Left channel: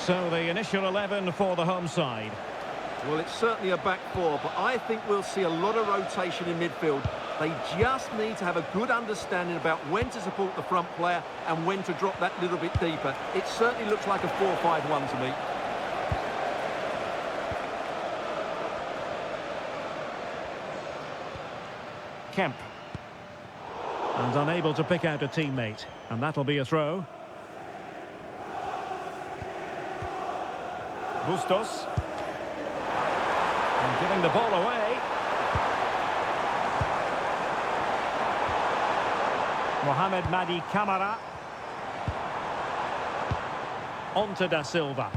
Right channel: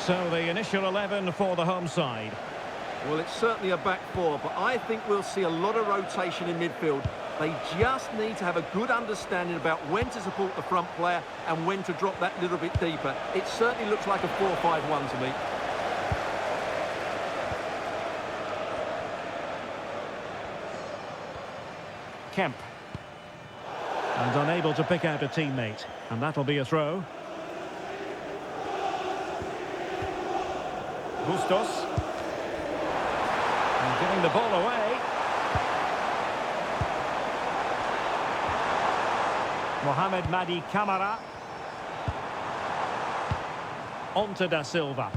So the initial 11 for the home side. Well, it's certainly a back four, but I think we'll see a lot of rotation in midfield. They just need to have a good understanding about when to support the front player and when to drop that little bit deeper. It certainly looks like a 4-5-1 to me. Kemp. And unable to pick out a teammate. And that'll be a throw. Bustos. And giving the ball away. Mohamed Madi Camara. On to Da Silva.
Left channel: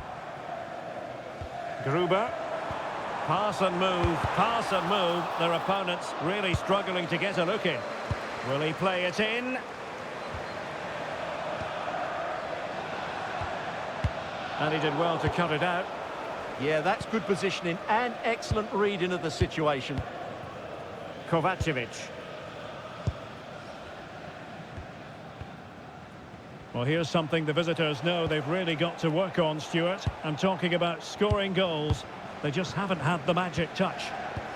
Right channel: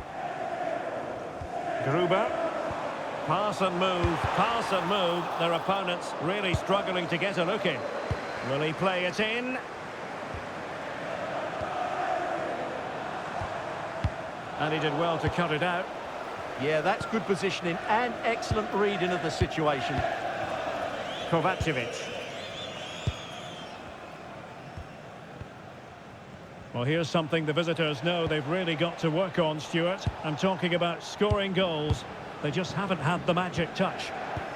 Gruber. Pass and move, pass and move. Their opponents really struggling to get a look in. Will he play it in? And he did well to cut it out. Yeah, that's good positioning and excellent reading of the situation. Kovacevic. Well, here's something the visitors know they've really got to work on, Stuart. I'm talking about scoring goals. They just haven't had the magic touch.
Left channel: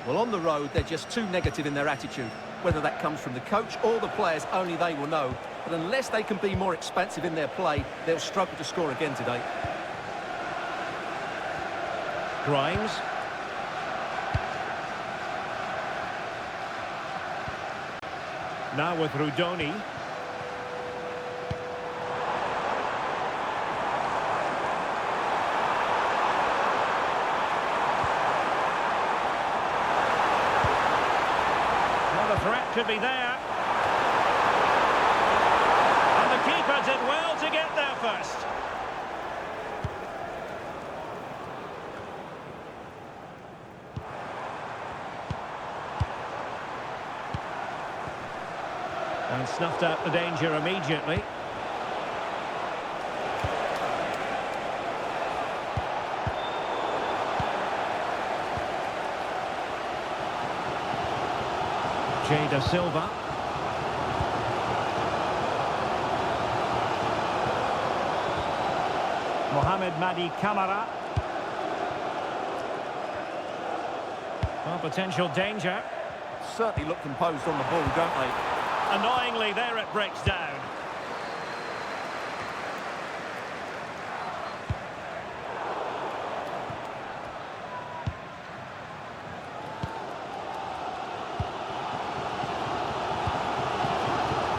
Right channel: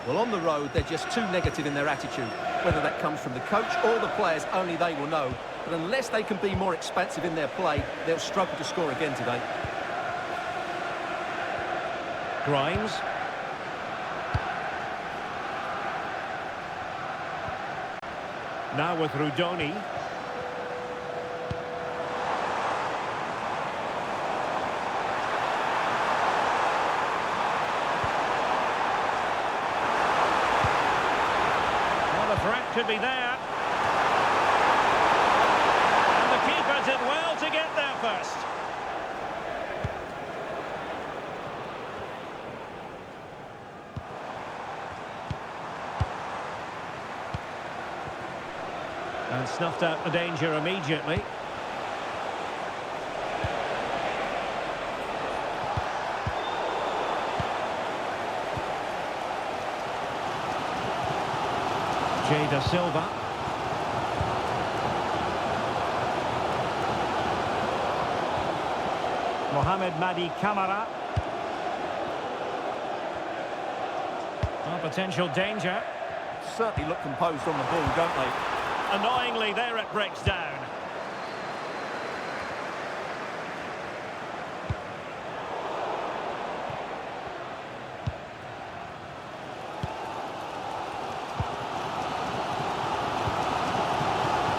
Well, on the road, they're just too negative in their attitude. Whether that comes from the coach or the players, only they will know. But unless they can be more expansive in their play, they'll struggle to score again today. Grimes. Now with Rudoni. Well, the threat could be there. And the keeper did well to get there first. And snuffed out the danger immediately. Da Silva. Mohamed Madi Camara. Well, potential danger. Certainly look composed on the ball, don't they? Annoyingly, there it breaks down.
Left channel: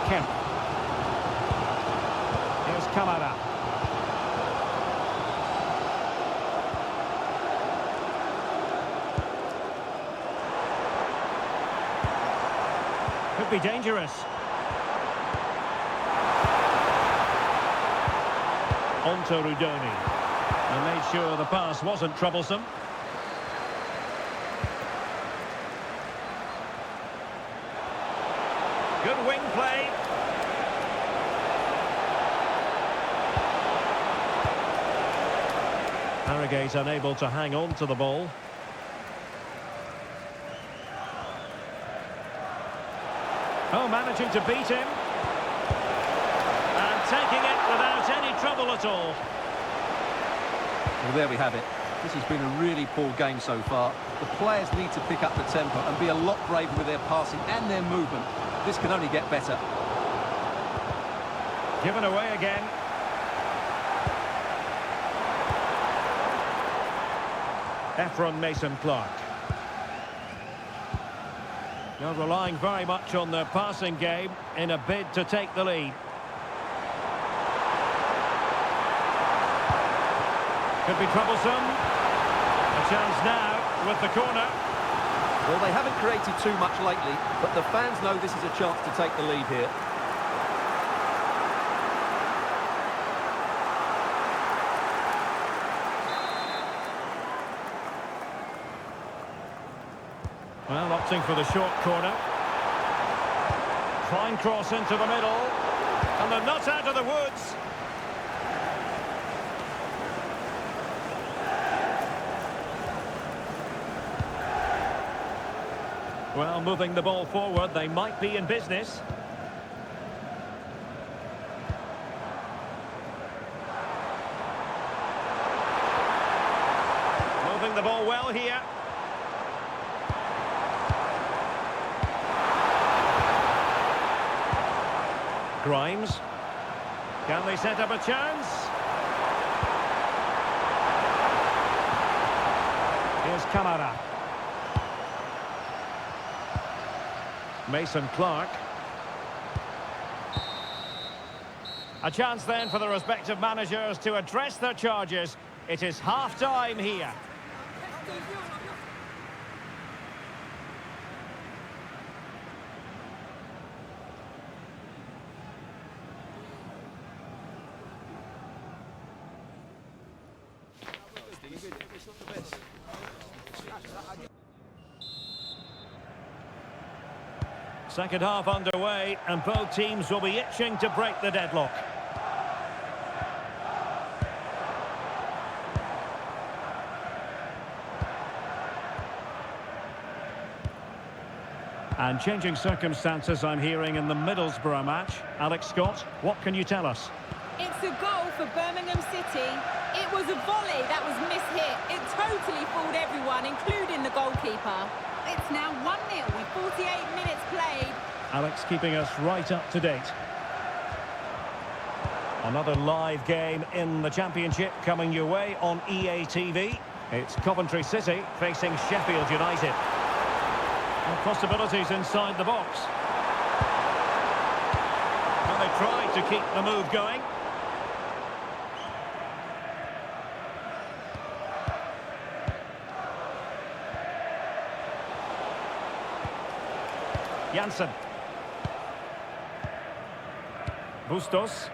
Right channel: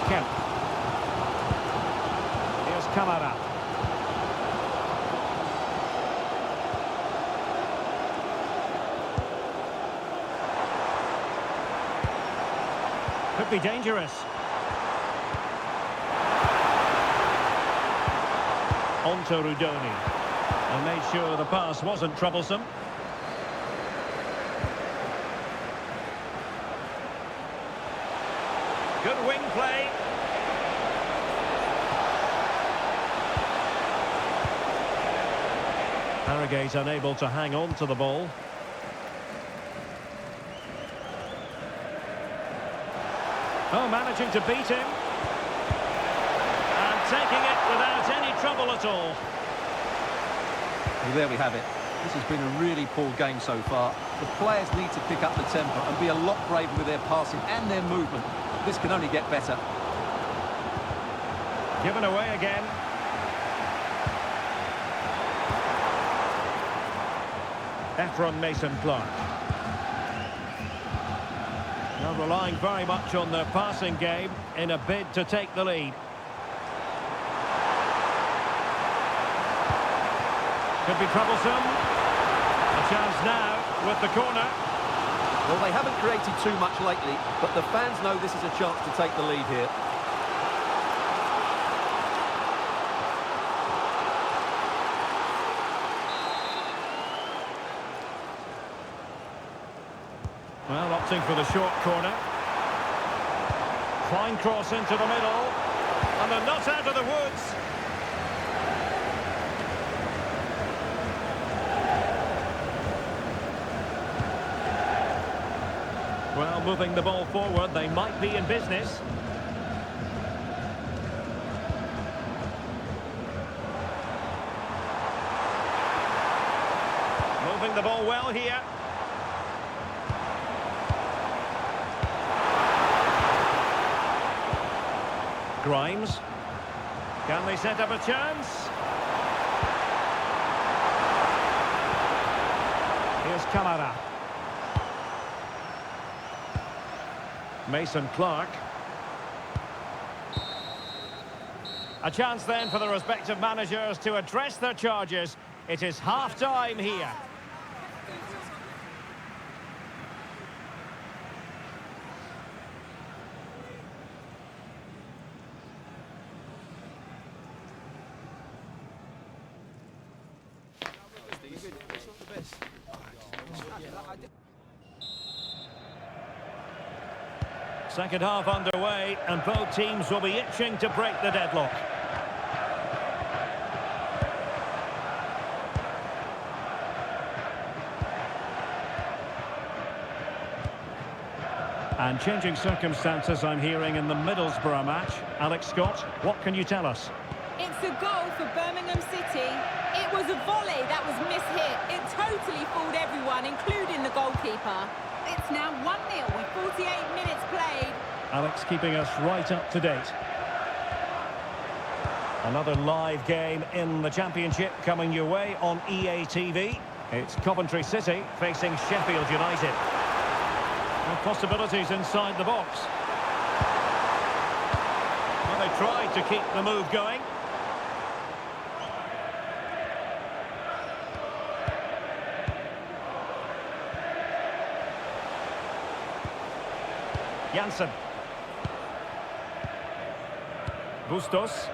Kemp. Here's Camara. Could be dangerous. On to Rudoni. And made sure the pass wasn't troublesome. Good wing play. Harrogate unable to hang on to the ball. Oh, managing to beat him. And taking it without any trouble at all. Well, there we have it. This has been a really poor game so far. The players need to pick up the tempo and be a lot braver with their passing and their movement. This can only get better. Given away again. Efron Mason-Clark. Now relying very much on their passing game in a bid to take the lead. Could be troublesome. A chance now with the corner. Well, they haven't created too much lately, but the fans know this is a chance to take the lead here. Well, opting for the short corner. Fine cross into the middle. And they're not out of the woods. Well, moving the ball forward, they might be in business. moving the ball well here. Grimes. Can they set up a chance? Here's Kamara. Mason Clark. A chance then for the respective managers to address their charges. It is half-time here. Second half underway, and both teams will be itching to break the deadlock. And changing circumstances, I'm hearing, in the Middlesbrough match. Alex Scott, what can you tell us? It's a goal for Birmingham City. It was a volley that was mishit. It totally fooled everyone, including the goalkeeper. It's now 1-0 with 48 minutes played. Alex keeping us right up to date. Another live game in the Championship coming your way on EA TV. It's Coventry City facing Sheffield United. Well, possibilities inside the box. Well, they tried to keep the move going. Janssen. Bustos.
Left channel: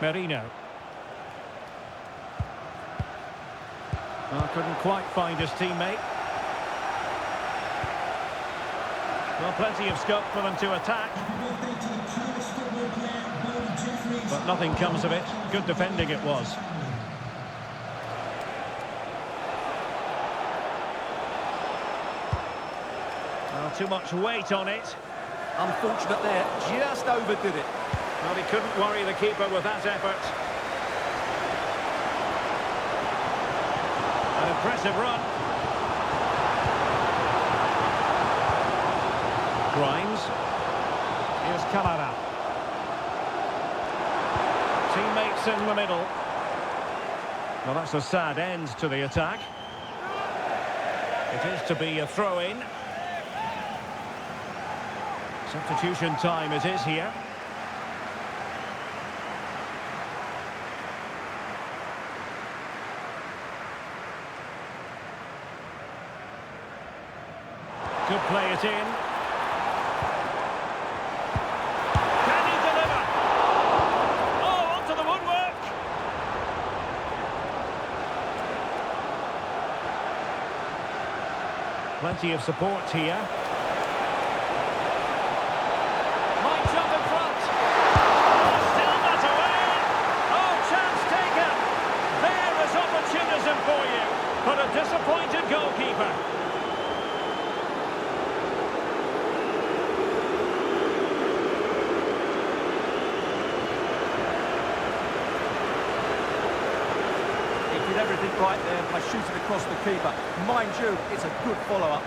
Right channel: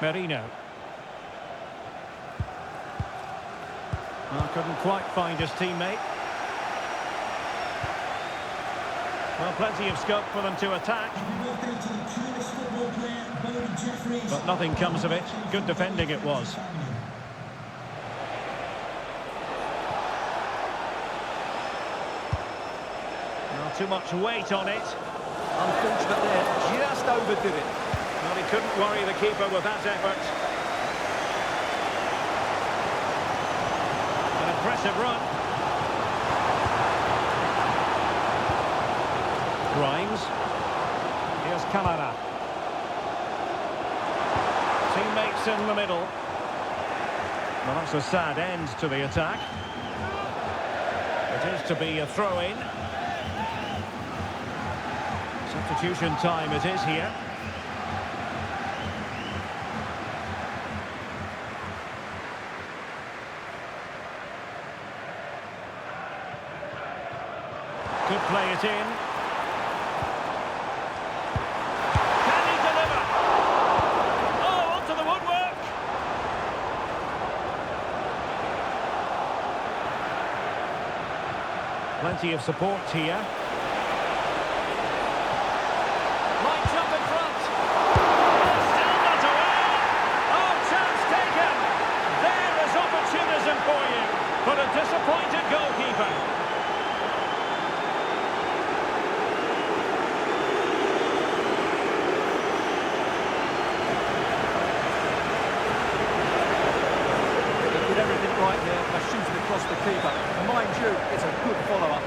Merino. Well, couldn't quite find his teammate. Well, plenty of scope for them to attack. But nothing comes of it. Good defending it was. Well, too much weight on it. Unfortunate there, just overdid it. Well, he couldn't worry the keeper with that effort. An impressive run. Grimes. Here's Kamara. Teammates in the middle. Well, that's a sad end to the attack. It is to be a throw-in. Substitution time it is here. Could play it in. Can he deliver? Oh, onto the woodwork. Plenty of support here. Might jump in front. Oh, still not away. Oh, chance taken. There is opportunism for you, but a disappointed goalkeeper. Did everything right there by shooting across the keeper. Mind you, it's a good follow-up.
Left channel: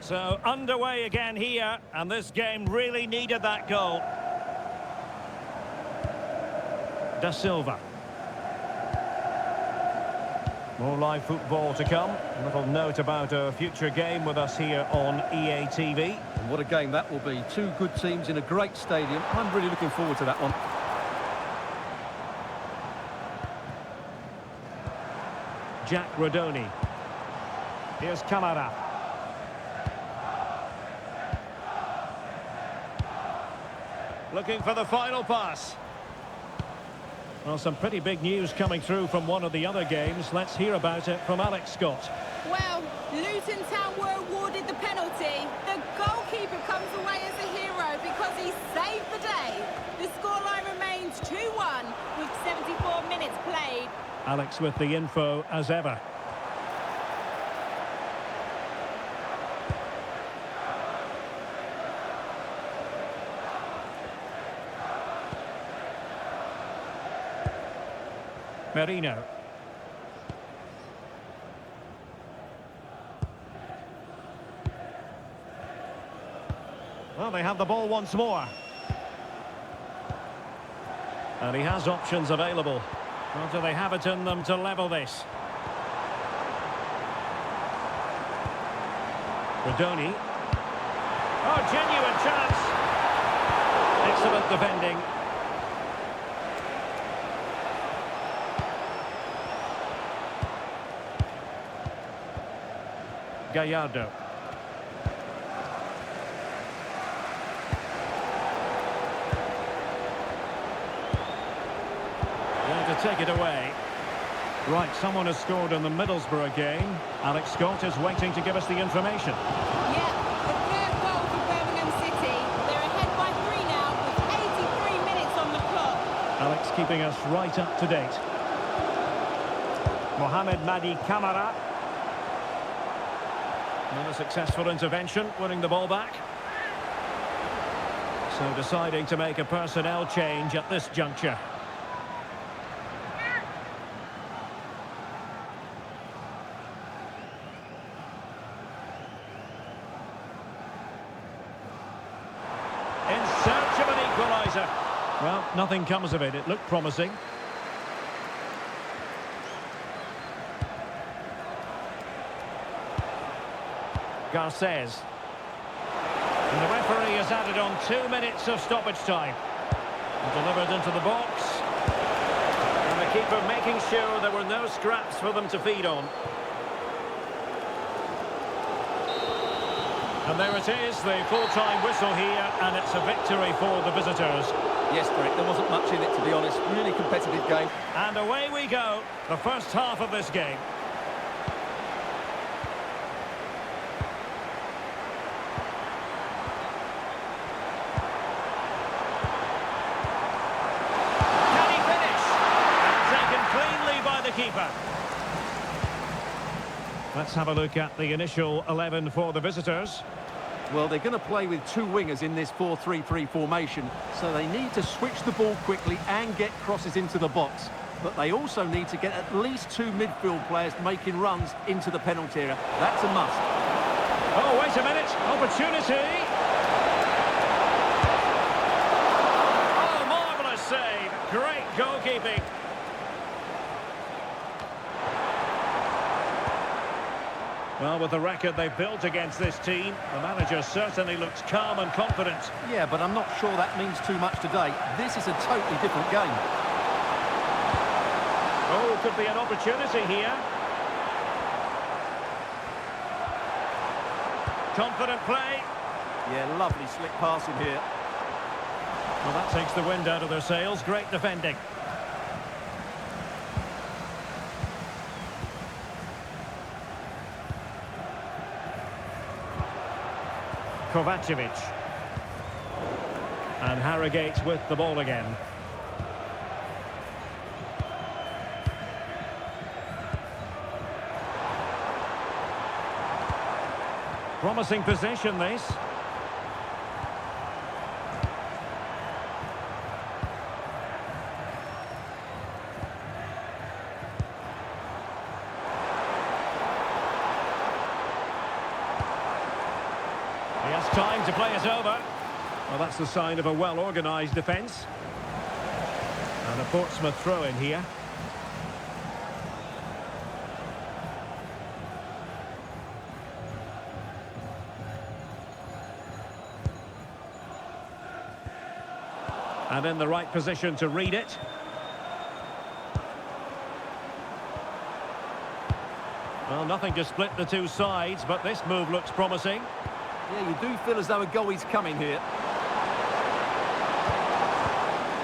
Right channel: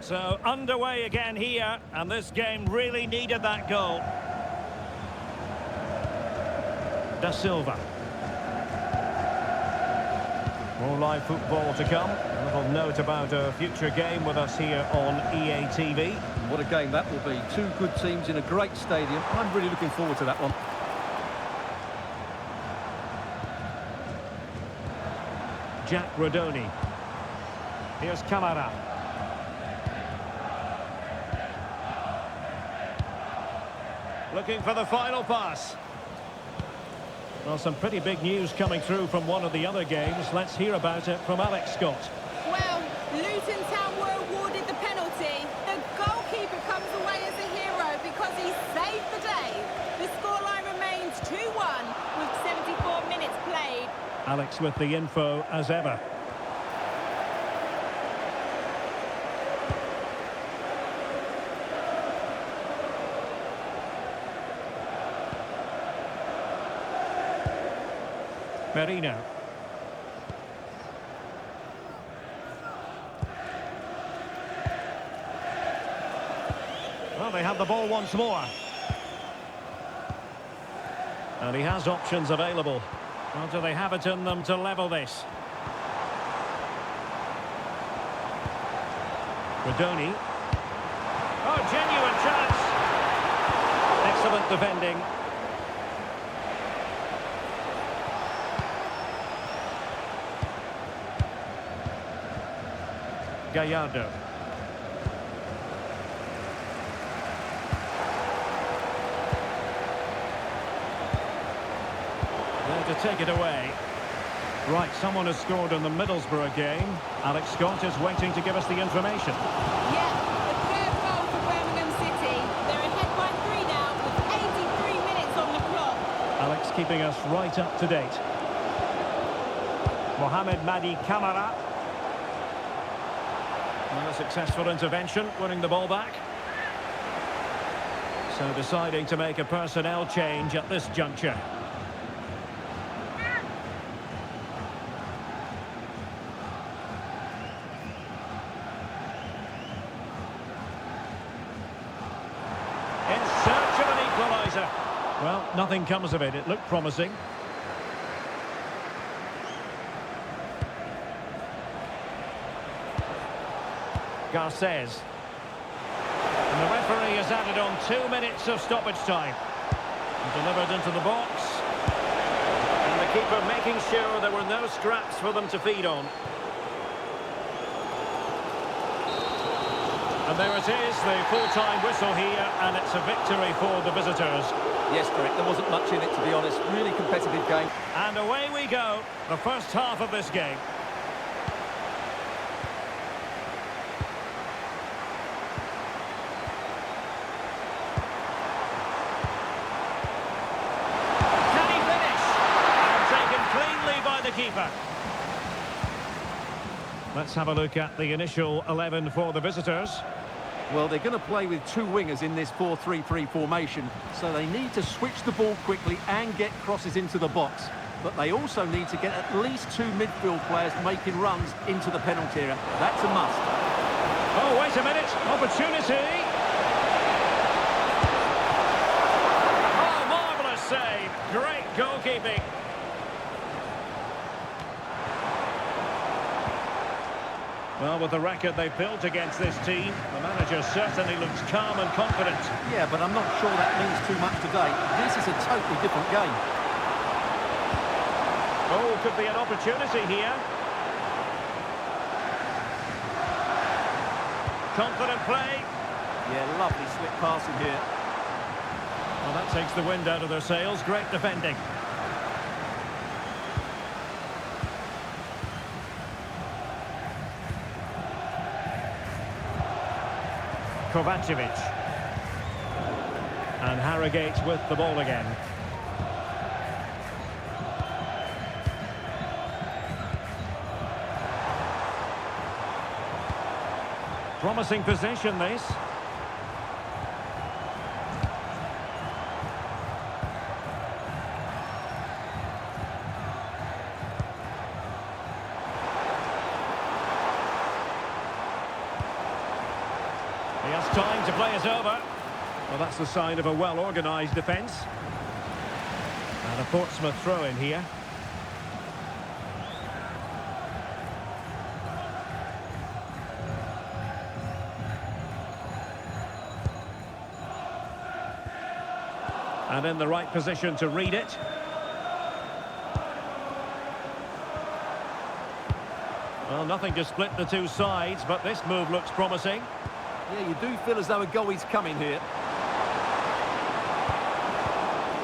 So underway again here, and this game really needed that goal. Da Silva. More live football to come. A little note about a future game with us here on EA TV. And what a game that will be. Two good teams in a great stadium. I'm really looking forward to that one. Jack Rodoni. Here's Kamara. Looking for the final pass. Well, some pretty big news coming through from one of the other games. Let's hear about it from Alex Scott. Well, Luton Town were awarded the penalty. The goalkeeper comes away as a hero because he saved the day. The scoreline remains 2-1 with 74 minutes played. Alex with the info as ever. Merino. Well, they have the ball once more. And he has options available. Well, do they have it in them to level this? Rodoni. Oh, genuine chance. Excellent defending. Gallardo. There to take it away. Right, someone has scored in the Middlesbrough game. Alex Scott is waiting to give us the information. Yeah, the third goal for Birmingham City. They're ahead by 3 now with 83 minutes on the clock. Alex keeping us right up to date. Mohamed Madi Camara. Not a successful intervention, winning the ball back. So deciding to make a personnel change at this juncture. In search of an equaliser. Well, nothing comes of it. It looked promising. Garces. And the referee has added on 2 minutes of stoppage time. And delivered into the box. And the keeper making sure there were no scraps for them to feed on. And there it is, the full-time whistle here, and it's a victory for the visitors. Yes, Derek, there wasn't much in it, to be honest. Really competitive game. And away we go, the first half of this game. Can he finish? And taken cleanly by the keeper. Let's have a look at the initial 11 for the visitors. Well, they're going to play with 2 wingers in this 4-3-3 formation, so they need to switch the ball quickly and get crosses into the box. But they also need to get at least 2 midfield players making runs into the penalty area. That's a must. Oh, wait a minute. Opportunity. Oh, marvellous save. Great goalkeeping. Well, with the record they've built against this team, the manager certainly looks calm and confident. Yeah, but I'm not sure that means too much today. This is a totally different game. Oh, could be an opportunity here. Confident play. Yeah, lovely slick passing here. Well, that takes the wind out of their sails. Great defending. Kovacevic. And Harrogate with the ball again. Promising position, this. He has time to play it over. Well, that's the sign of a well-organised defence. And a Portsmouth throw-in here. And in the right position to read it. Well, nothing to split the two sides, but this move looks promising. Yeah, you do feel as though a goal is coming here.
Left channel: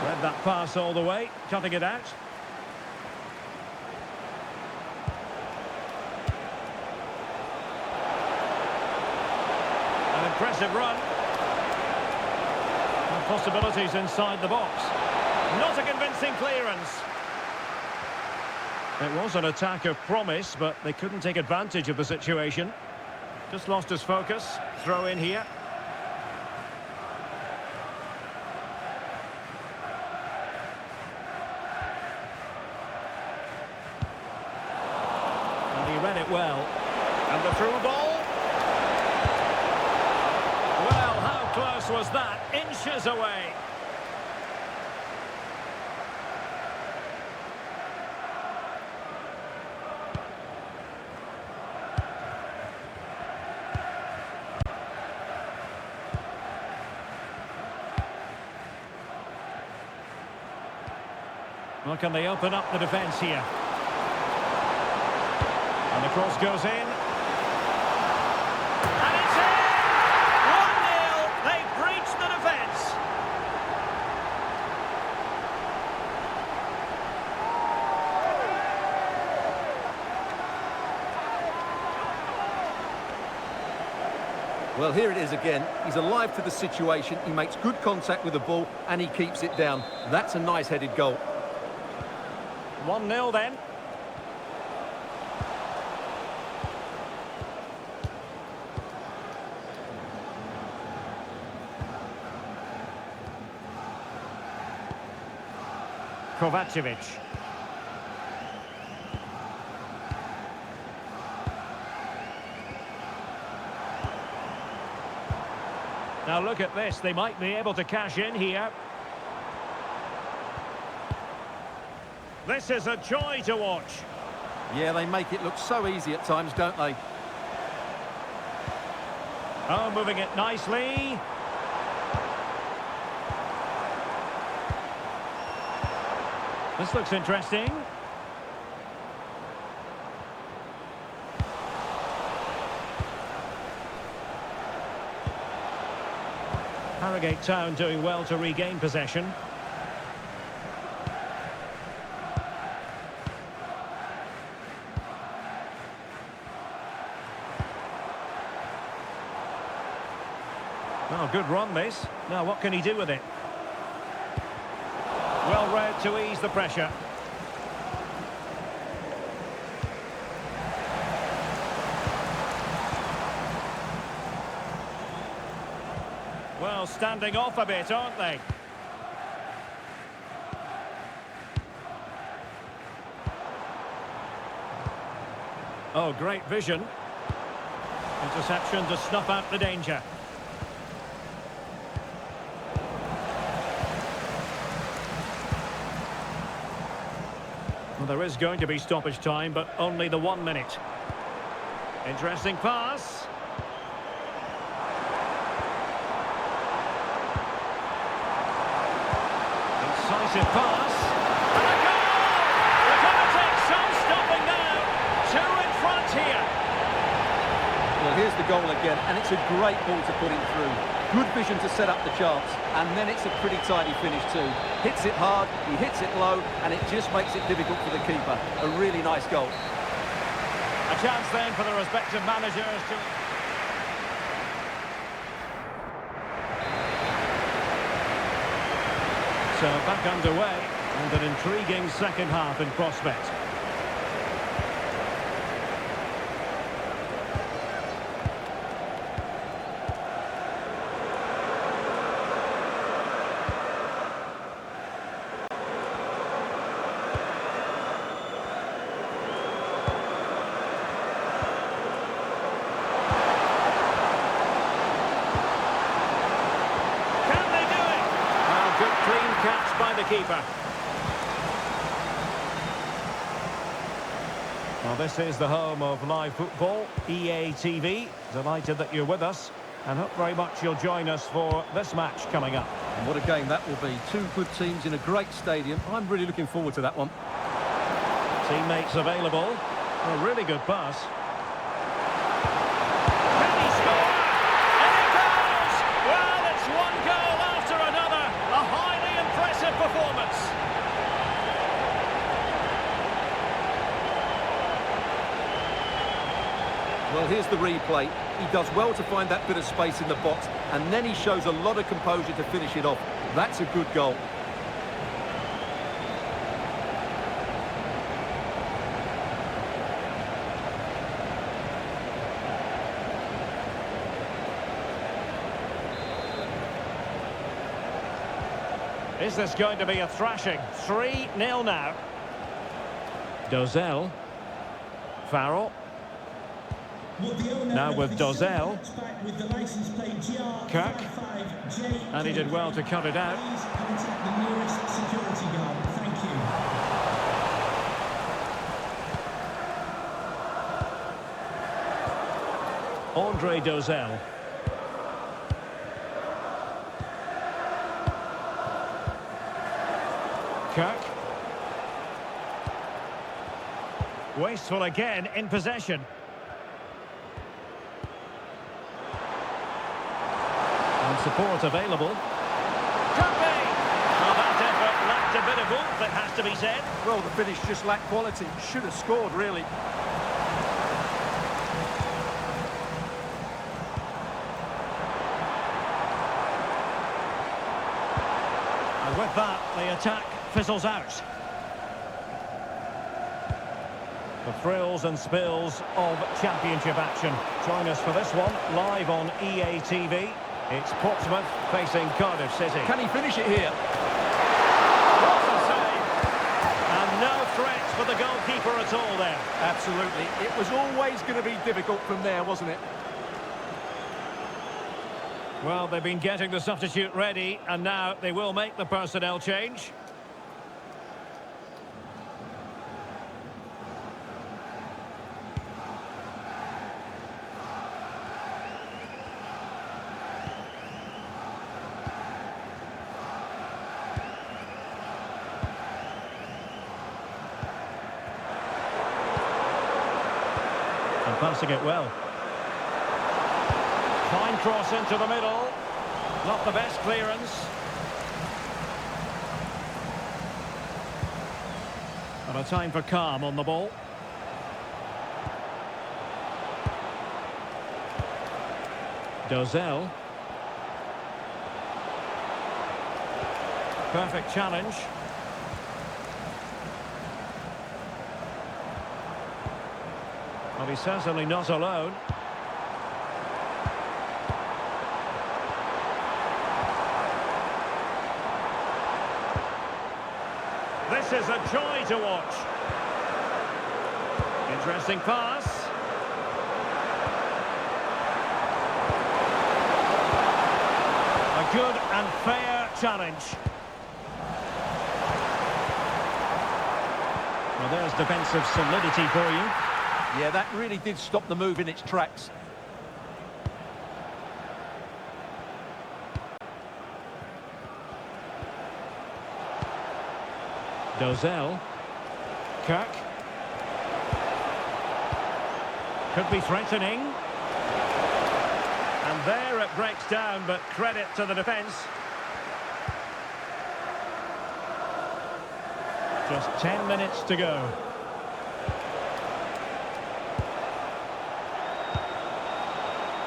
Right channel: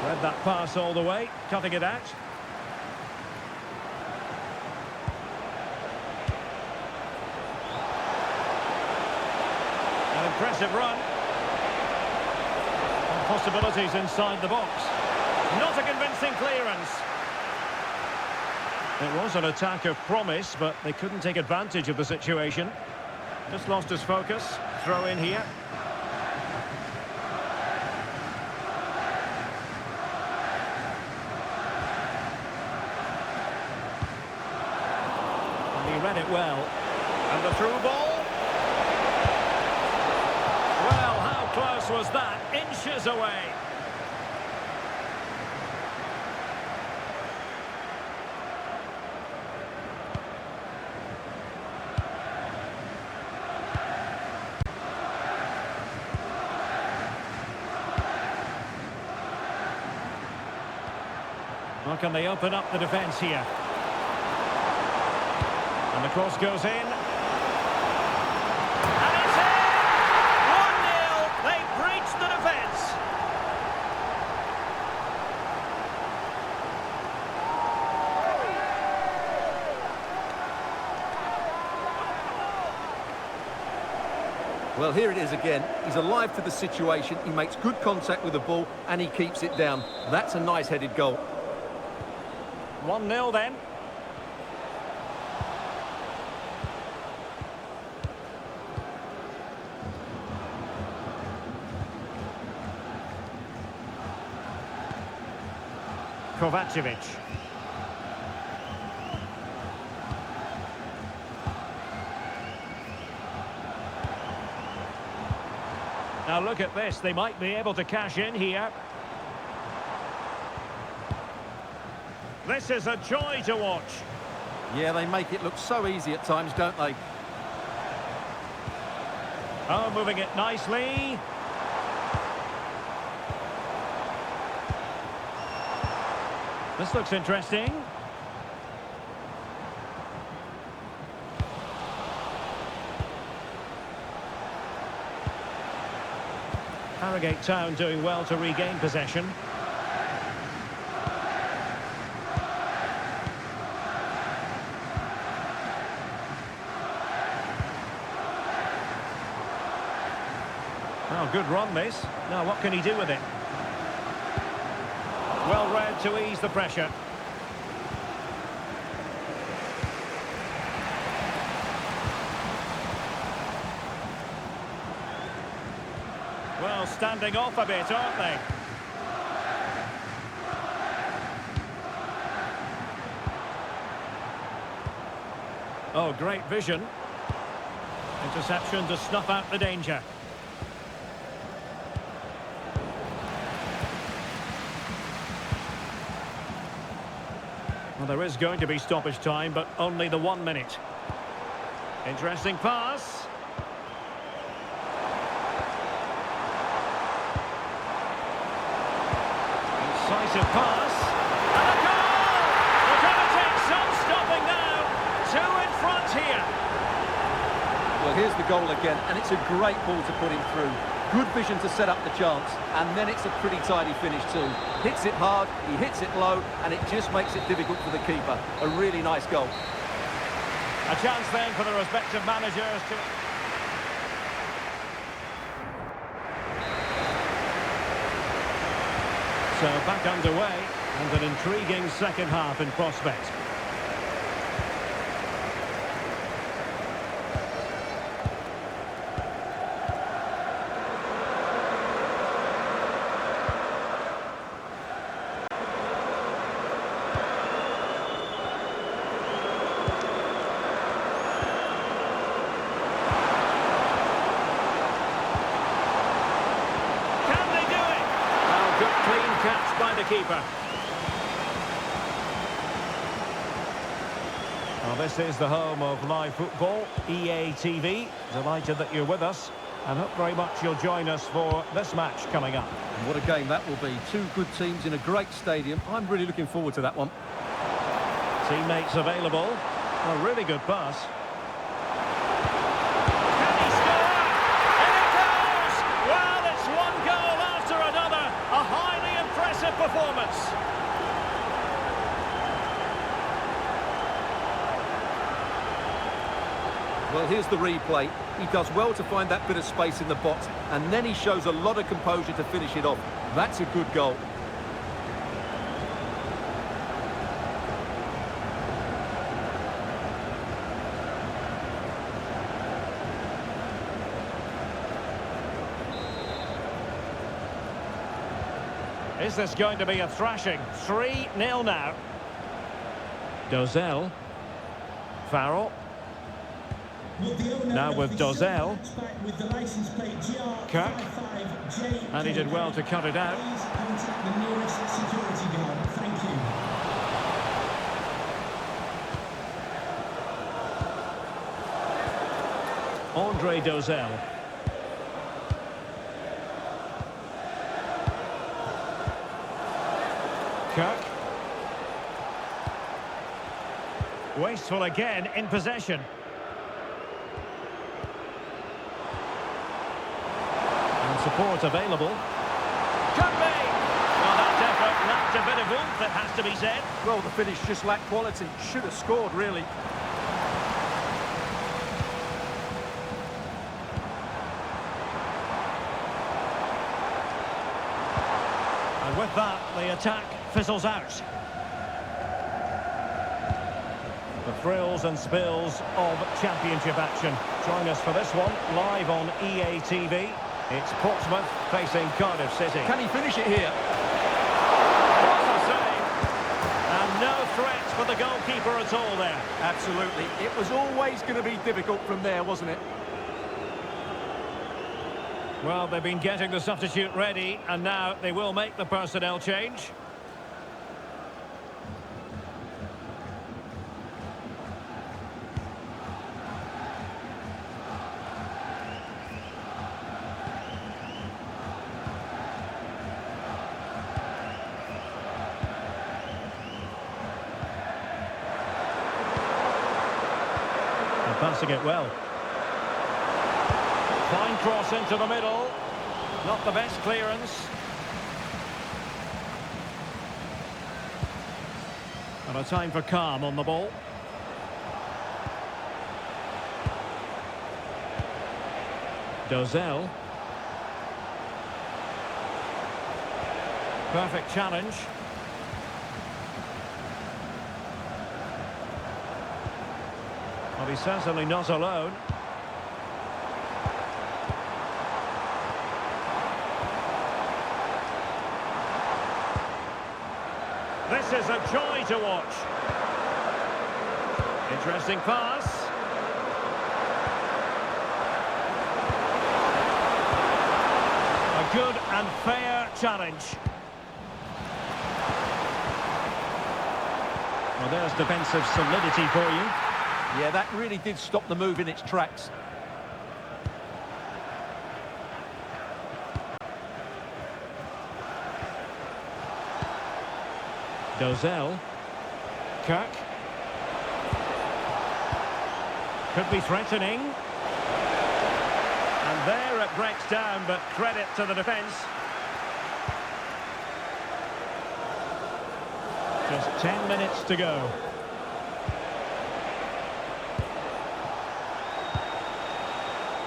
Read that pass all the way, cutting it out. An impressive run. And possibilities inside the box. Not a convincing clearance. It was an attack of promise, but they couldn't take advantage of the situation. Just lost his focus. Throw in here. And he read it well. And the through ball. Well, how close was that? Inches away. Well, can they open up the defence here? And the cross goes in. And it's in! 1-0. They've breached the defence. Well, here it is again. He's alive to the situation. He makes good contact with the ball and he keeps it down. That's a nice headed goal. 1-0 then. Kovacevic. Now look at this, they might be able to cash in here. This is a joy to watch. Yeah, they make it look so easy at times, don't they? Oh, moving it nicely. This looks interesting. Harrogate Town doing well to regain possession. Well, good run this. Now what can he do with it? Well read to ease the pressure. Well, standing off a bit, aren't they? Oh, great vision. Interception to snuff out the danger. Well, there is going to be stoppage time, but only the 1 minute. Interesting pass. Incisive pass. And a goal! They're going to take some stopping now. 2 in front here. Well, here's the goal again, and it's a great ball to put him through. Good vision to set up the chance, and then it's a pretty tidy finish too. Hits it hard, he hits it low, and it just makes it difficult for the keeper. A really nice goal. A chance then for the respective managers to... So back underway, and an intriguing second half in prospect. Good clean catch by the keeper. Well, this is the home of live football, EA TV. Delighted that you're with us, and hope very much you'll join us for this match coming up. And what a game that will be. Two good teams in a great stadium. I'm really looking forward to that one. Teammates available. A really good pass. Can he score? And it goes! Well, it's one goal after another. A highly impressive performance. Well, here's the replay. He does well to find that bit of space in the box, and then he shows a lot of composure to finish it off. That's a good goal. Is this going to be a thrashing? 3-0 now. Dozell. Farrell. Now with Dozell. Kirk. And he did well to cut it out. Please contact the nearest security guard. Thank you. Andre Dozell. Kirk. Wasteful again in possession. And support available. Could be! Well, that effort lacked a bit of oomph, it has to be said. Well, the finish just lacked quality. Should have scored, really. And with that, the attack fizzles out. The thrills and spills of championship action. Join us for this one, live on EA TV. It's Portsmouth facing Cardiff City. Can he finish it here? What a save! And no threats for the goalkeeper at all there. Absolutely. It was always going to be difficult from there, wasn't it? Well, they've been getting the substitute ready, and now they will make the personnel change. And passing it well. Fine cross into the middle. Not the best clearance. And a time for calm on the ball. Dozell. Perfect challenge. Well, he's certainly not alone. This is a joy to watch. Interesting pass. A good and fair challenge. Well, there's defensive solidity for you. Yeah, that really did stop the move in its tracks. Dozell. Kirk. Could be threatening. And there it breaks down, but credit to the defence. Just 10 minutes to go.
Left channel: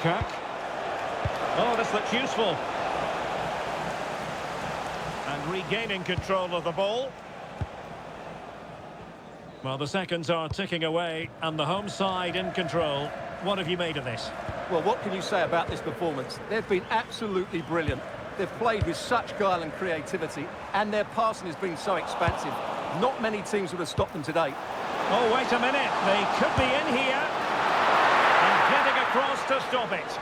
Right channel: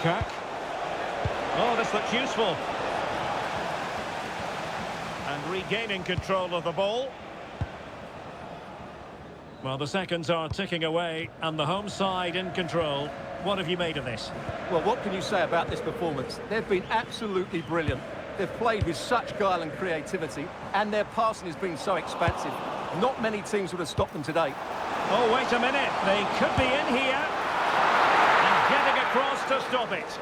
Kirk. Oh, this looks useful. And regaining control of the ball. Well, the seconds are ticking away, and the home side in control. What have you made of this? Well, what can you say about this performance? They've been absolutely brilliant. They've played with such guile and creativity, and their passing has been so expansive. Not many teams would have stopped them today. Oh, wait a minute. They could be in here. And getting across to stop it.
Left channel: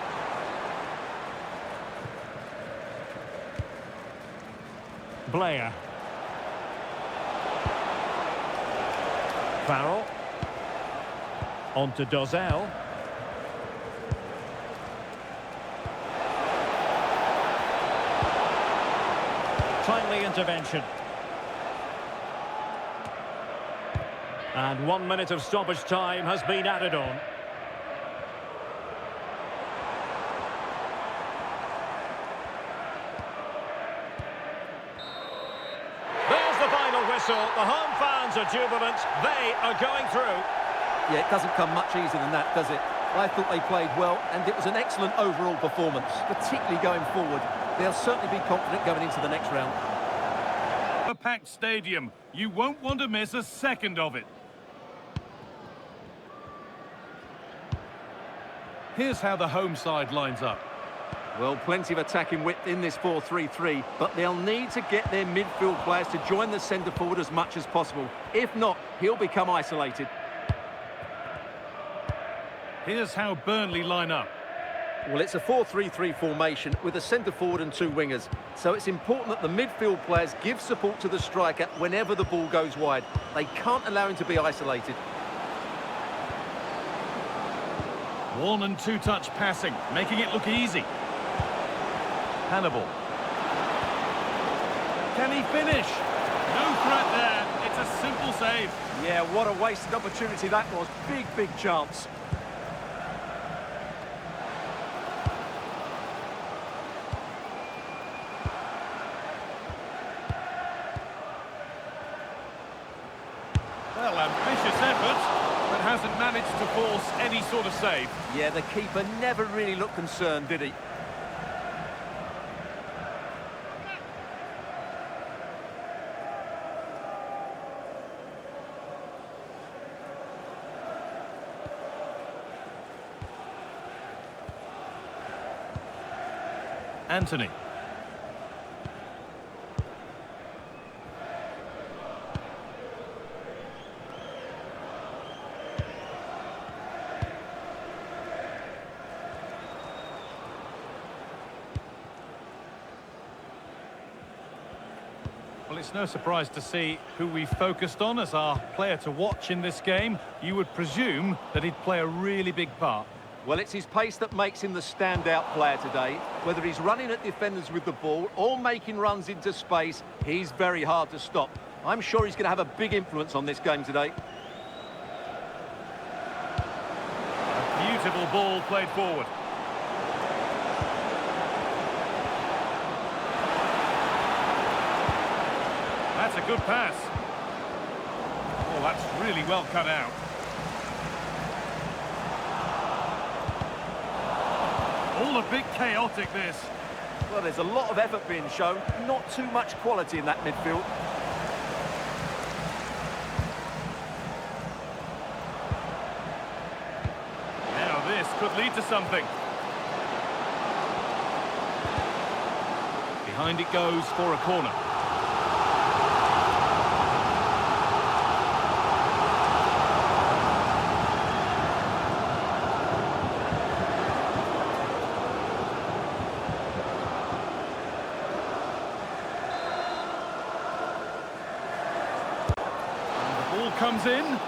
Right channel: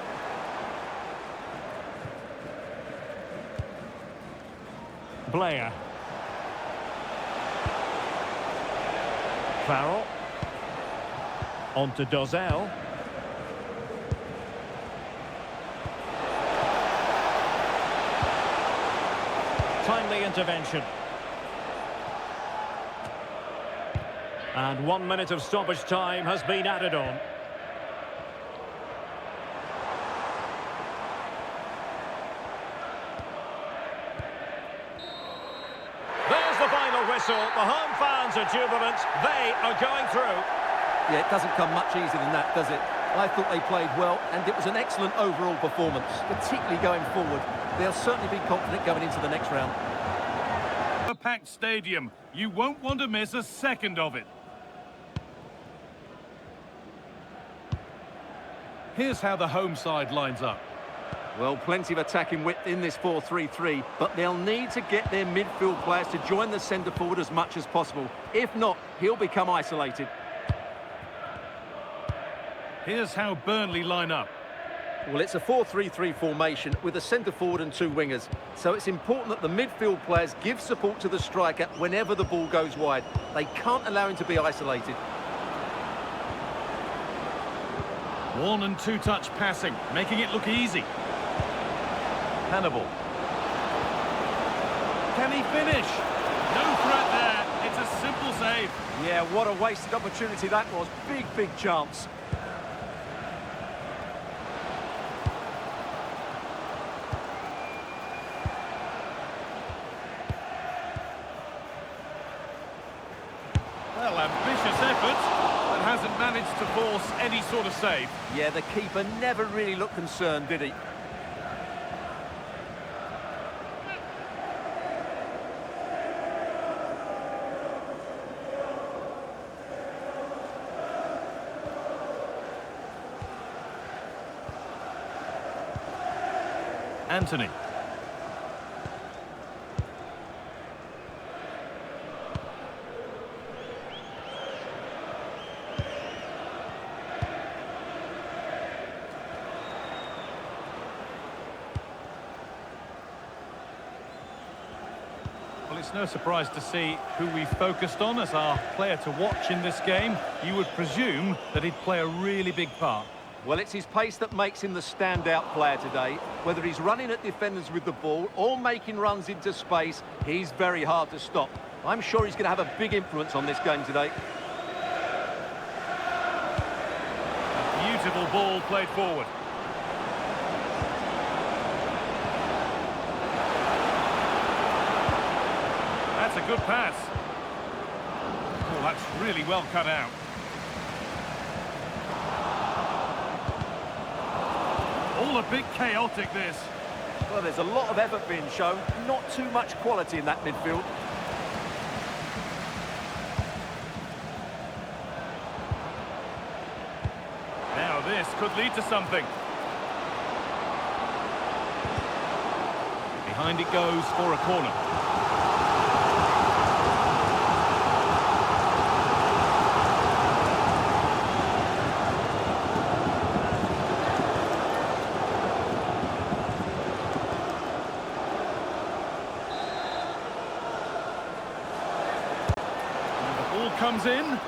Blair. Farrell. On to Dozell. Timely intervention. And 1 minute of stoppage time has been added on. whistle. The home fans are jubilant. They are going through. Yeah, it doesn't come much easier than that, does it? I thought they played well, and it was an excellent overall performance, particularly going forward. They'll certainly be confident going into the next round. A packed stadium. You won't want to miss a second of it. Here's how the home side lines up. Well, plenty of attacking width in this 4-3-3, but they'll need to get their midfield players to join the centre forward as much as possible. If not, he'll become isolated. Here's how Burnley line up. Well, it's a 4-3-3 formation with a centre forward and two wingers. So it's important that the midfield players give support to the striker whenever the ball goes wide. They can't allow him to be isolated. One and two touch passing, making it look easy. Hannibal. Can he finish? No threat there. It's a simple save. Yeah, what a wasted opportunity that was. Big chance. Well, ambitious effort, but hasn't managed to force any sort of save. Yeah, the keeper never really looked concerned, did he? Anthony. Well, it's no surprise to see who we focused on as our player to watch in this game. You would presume that he'd play a really big part. Well, it's his pace that makes him the standout player today. Whether he's running at defenders with the ball or making runs into space, he's very hard to stop. I'm sure he's going to have a big influence on this game today. A beautiful ball played forward. That's a good pass. Oh, that's really well cut out. All a bit chaotic, this. Well, there's a lot of effort being shown, not too much quality in that midfield. Now this could lead to something. Behind it goes for a corner. Ball comes in.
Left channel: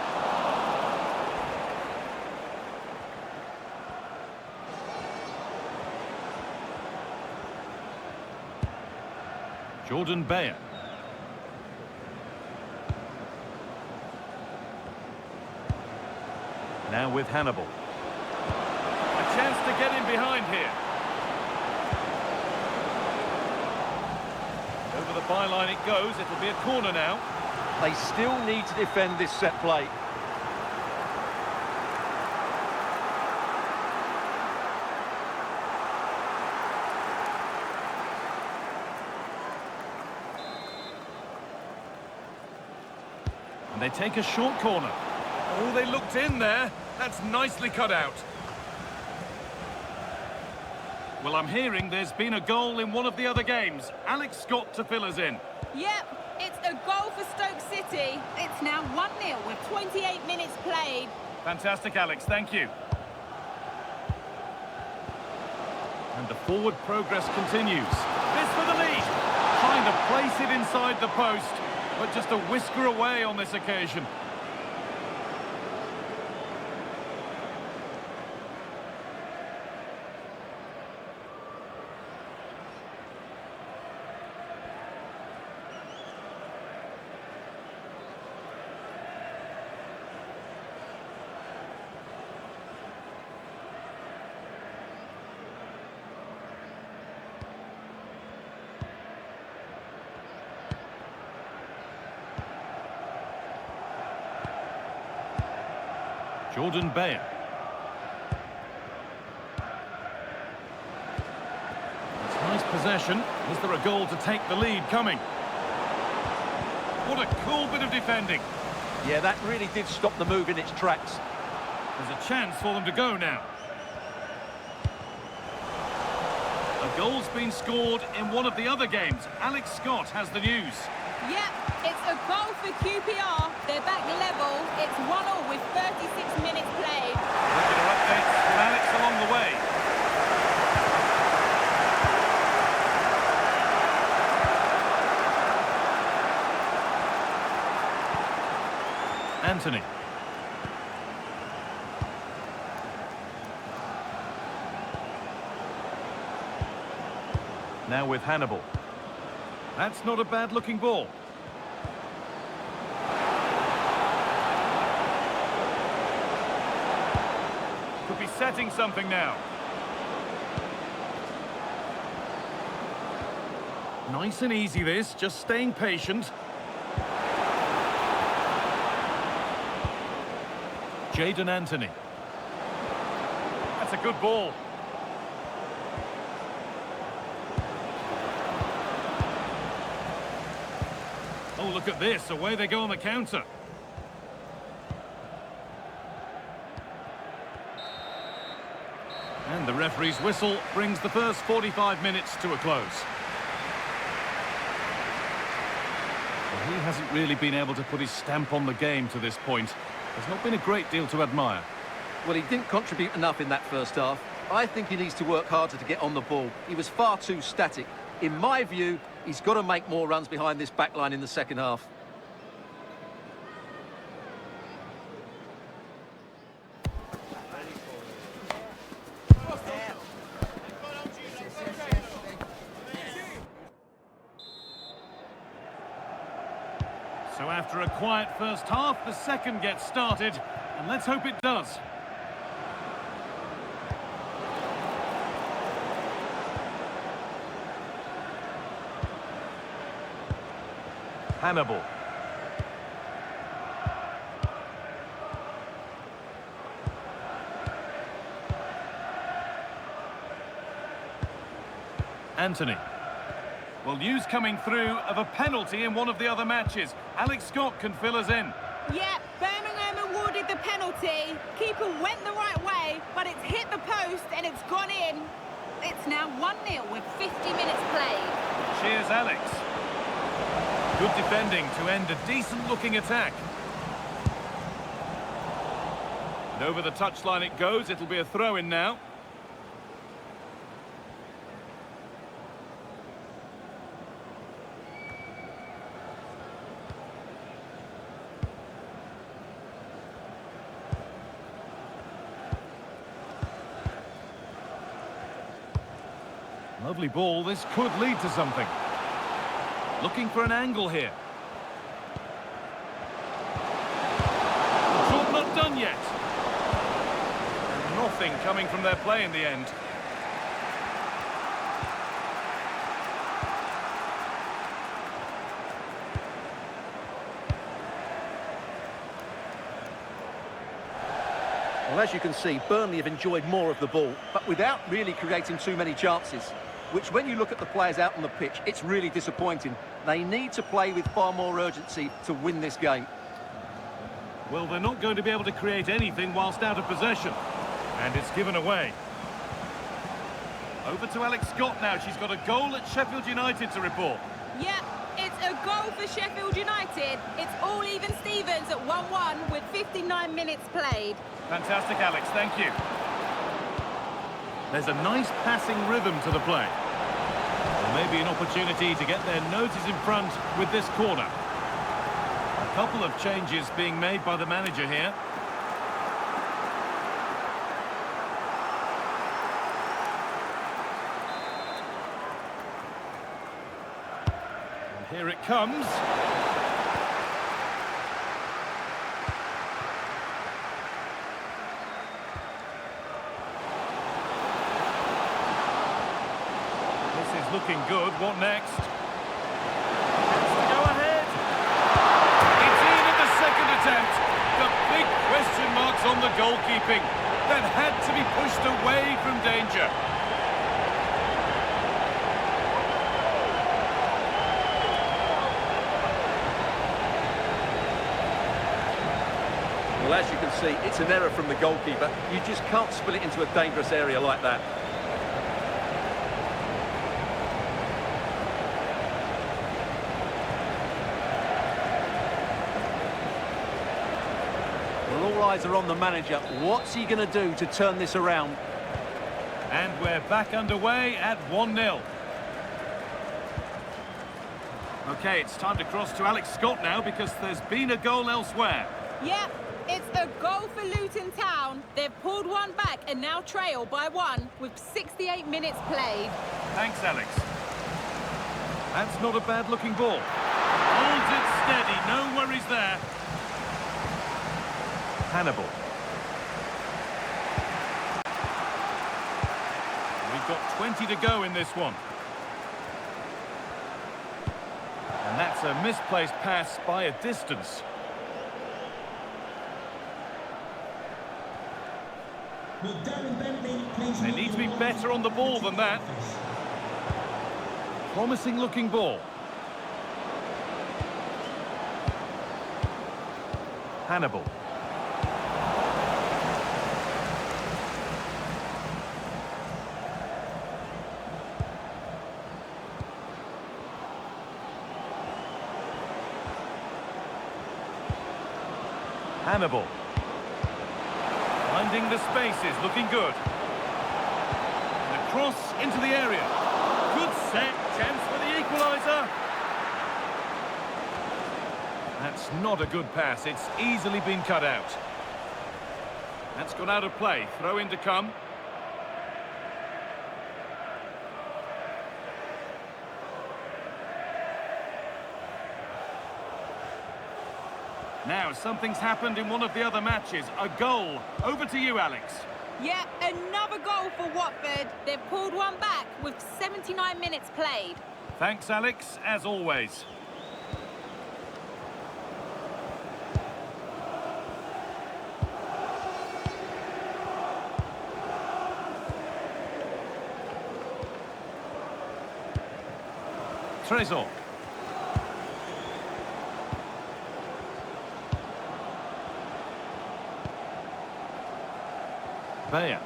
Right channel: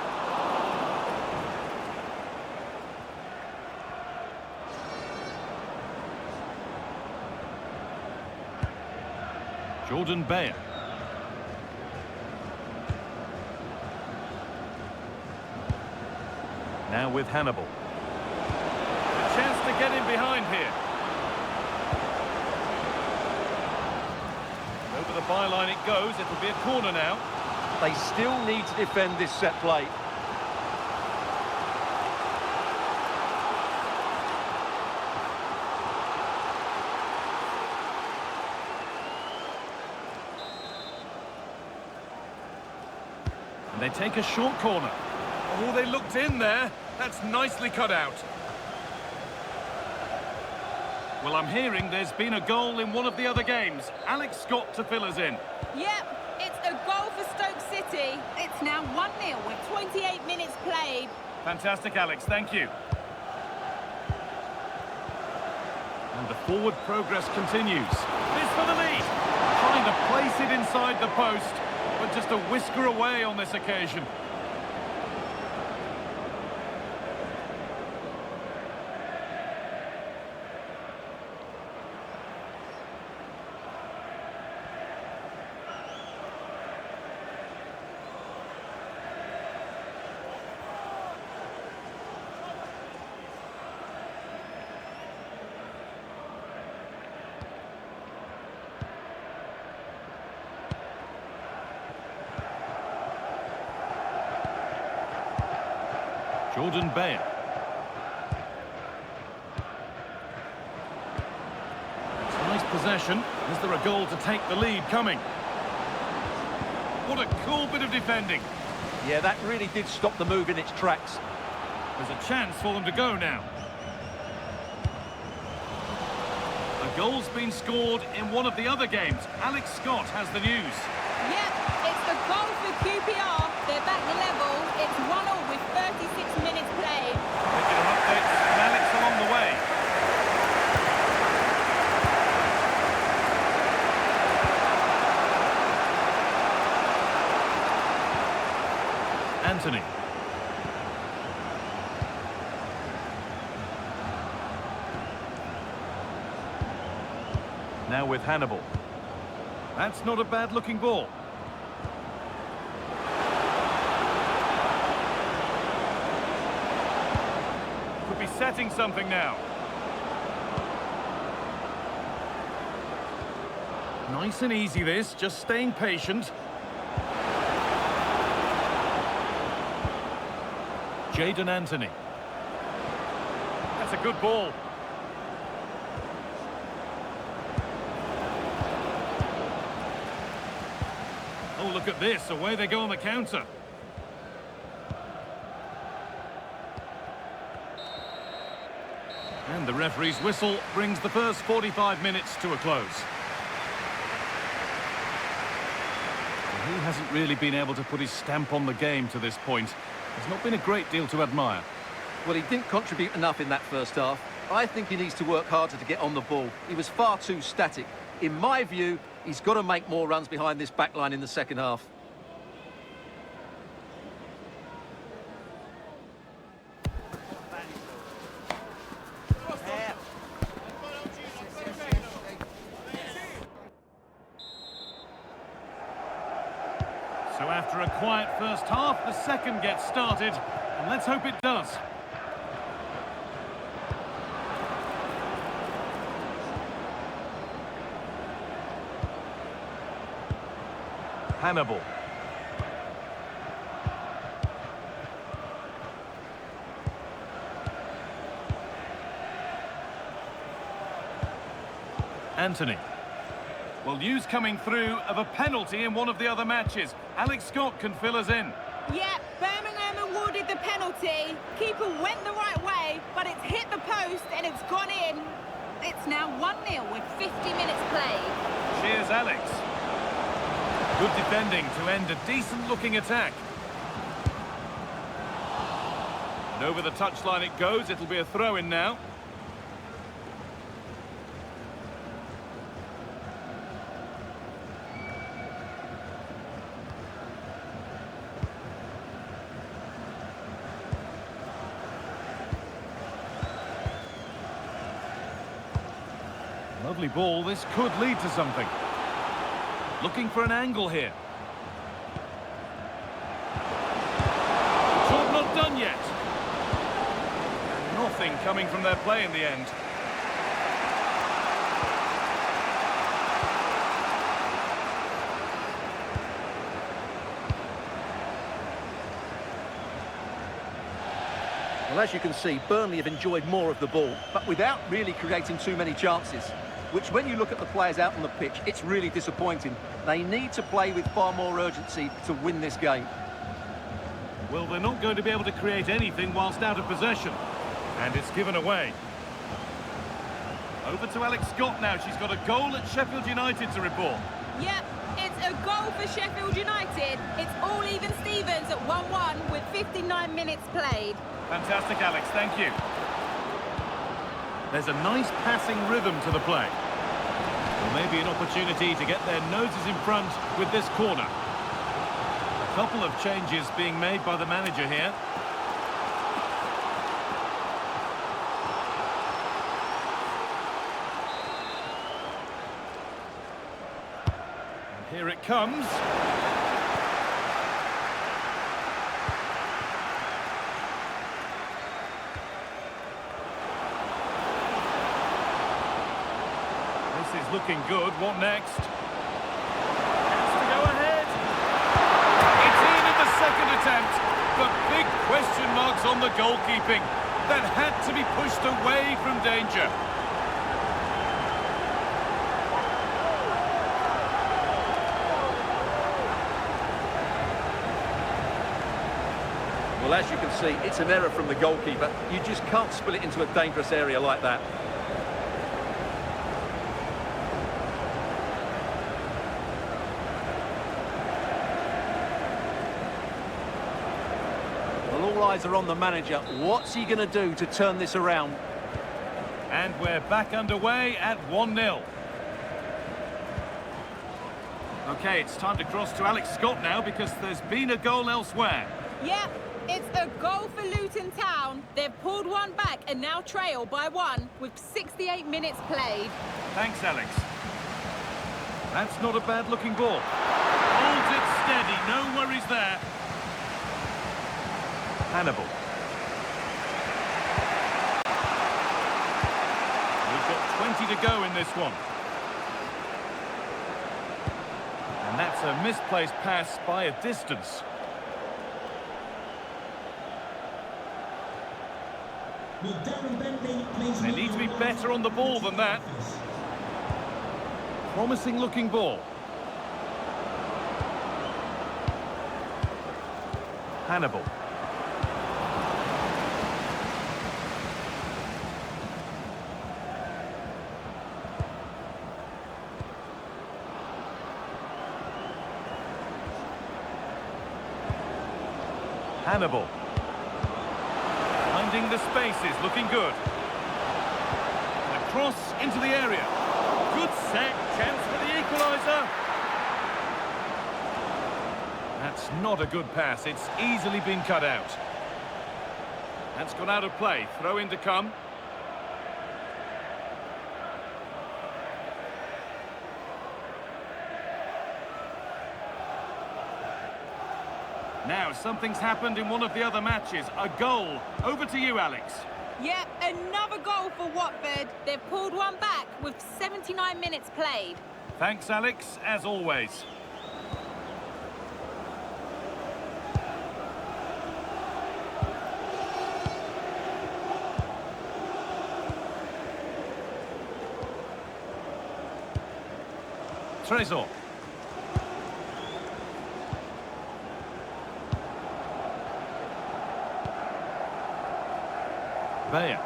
Jordan Bayer. Now with Hannibal. A chance to get in behind here. And over the byline it goes. It'll be a corner now. They still need to defend this set play. And they take a short corner. Oh, they looked in there. That's nicely cut out. Well, I'm hearing there's been a goal in one of the other games. Alex Scott to fill us in. Yep, it's a goal for Stoke City. It's now 1-0 with 28 minutes played. Fantastic, Alex. Thank you. And the forward progress continues. This for the lead. Trying to place it inside the post, but just a whisker away on this occasion. Jordan Bayer. It's nice possession. Is there a goal to take the lead coming? What a cool bit of defending. Yeah, that really did stop the move in its tracks. There's a chance for them to go now. A goal's been scored in one of the other games. Alex Scott has the news. Yep, it's a goal for QPR. They're back level. It's 1-1 with 36 minutes played. Regular updates from Alex along the way. Anthony. Now with Hannibal. That's not a bad-looking ball. Could be setting something now. Nice and easy this, just staying patient. Jadon Anthony. That's a good ball. Oh, look at this. Away they go on the counter. And the referee's whistle brings the first 45 minutes to a close. Well, he hasn't really been able to put his stamp on the game to this point. There's not been a great deal to admire. Well, he didn't contribute enough in that first half. I think he needs to work harder to get on the ball. He was far too static. In my view, he's got to make more runs behind this back line in the second half. So after a quiet first half, the second gets started, and let's hope it does. Hannibal. Anthony. Well, news coming through of a penalty in one of the other matches. Alex Scott can fill us in. Yep, Birmingham awarded the penalty. Keeper went the right way, but it's hit the post and it's gone in. It's now 1-0 with 50 minutes played. Cheers, Alex. Good defending to end a decent-looking attack. And over the touchline it goes. It'll be a throw-in now. Lovely ball. This could lead to something. Looking for an angle here. Job not done yet. And nothing coming from their play in the end. Well, as you can see, Burnley have enjoyed more of the ball, but without really creating too many chances, which when you look at the players out on the pitch, it's really disappointing. They need to play with far more urgency to win this game. Well, they're not going to be able to create anything whilst out of possession. And it's given away. Over to Alex Scott now. She's got a goal at Sheffield United to report. Yep, it's a goal for Sheffield United. It's all even Stevens at 1-1 with 59 minutes played. Fantastic, Alex. Thank you. There's a nice passing rhythm to the play. Well, maybe an opportunity to get their noses in front with this corner. A couple of changes being made by the manager here. And here it comes. This is looking good. What next? Chance to go ahead. It's in at the second attempt. The big question marks on the goalkeeping. That had to be pushed away from danger. Well, as you can see, it's an error from the goalkeeper. You just can't spill it into a dangerous area like that. Well, all eyes are on the manager. What's he going to do to turn this around? And we're back underway at 1-0. OK, it's time to cross to Alex Scott now because there's been a goal elsewhere. Yep, it's a goal for Luton Town. They've pulled one back and now trail by 1 with 68 minutes played. Thanks, Alex. That's not a bad-looking ball. Holds it steady, no worries there. Hannibal. We've got 20 to go in this one. And that's a misplaced pass by a distance. Will Darren Bentley please They make need to your be way better on the ball than that. office? Promising looking ball. Hannibal. Hannibal. Finding the spaces, looking good. And a cross into the area. Good set, chance for the equaliser. That's not a good pass, it's easily been cut out. That's gone out of play, throw in to come. Now, something's happened in one of the other matches. A goal. Over to you, Alex. Yep, another goal for Watford. They've pulled one back with 79 minutes played. Thanks, Alex, as always. Trésor. Bayer.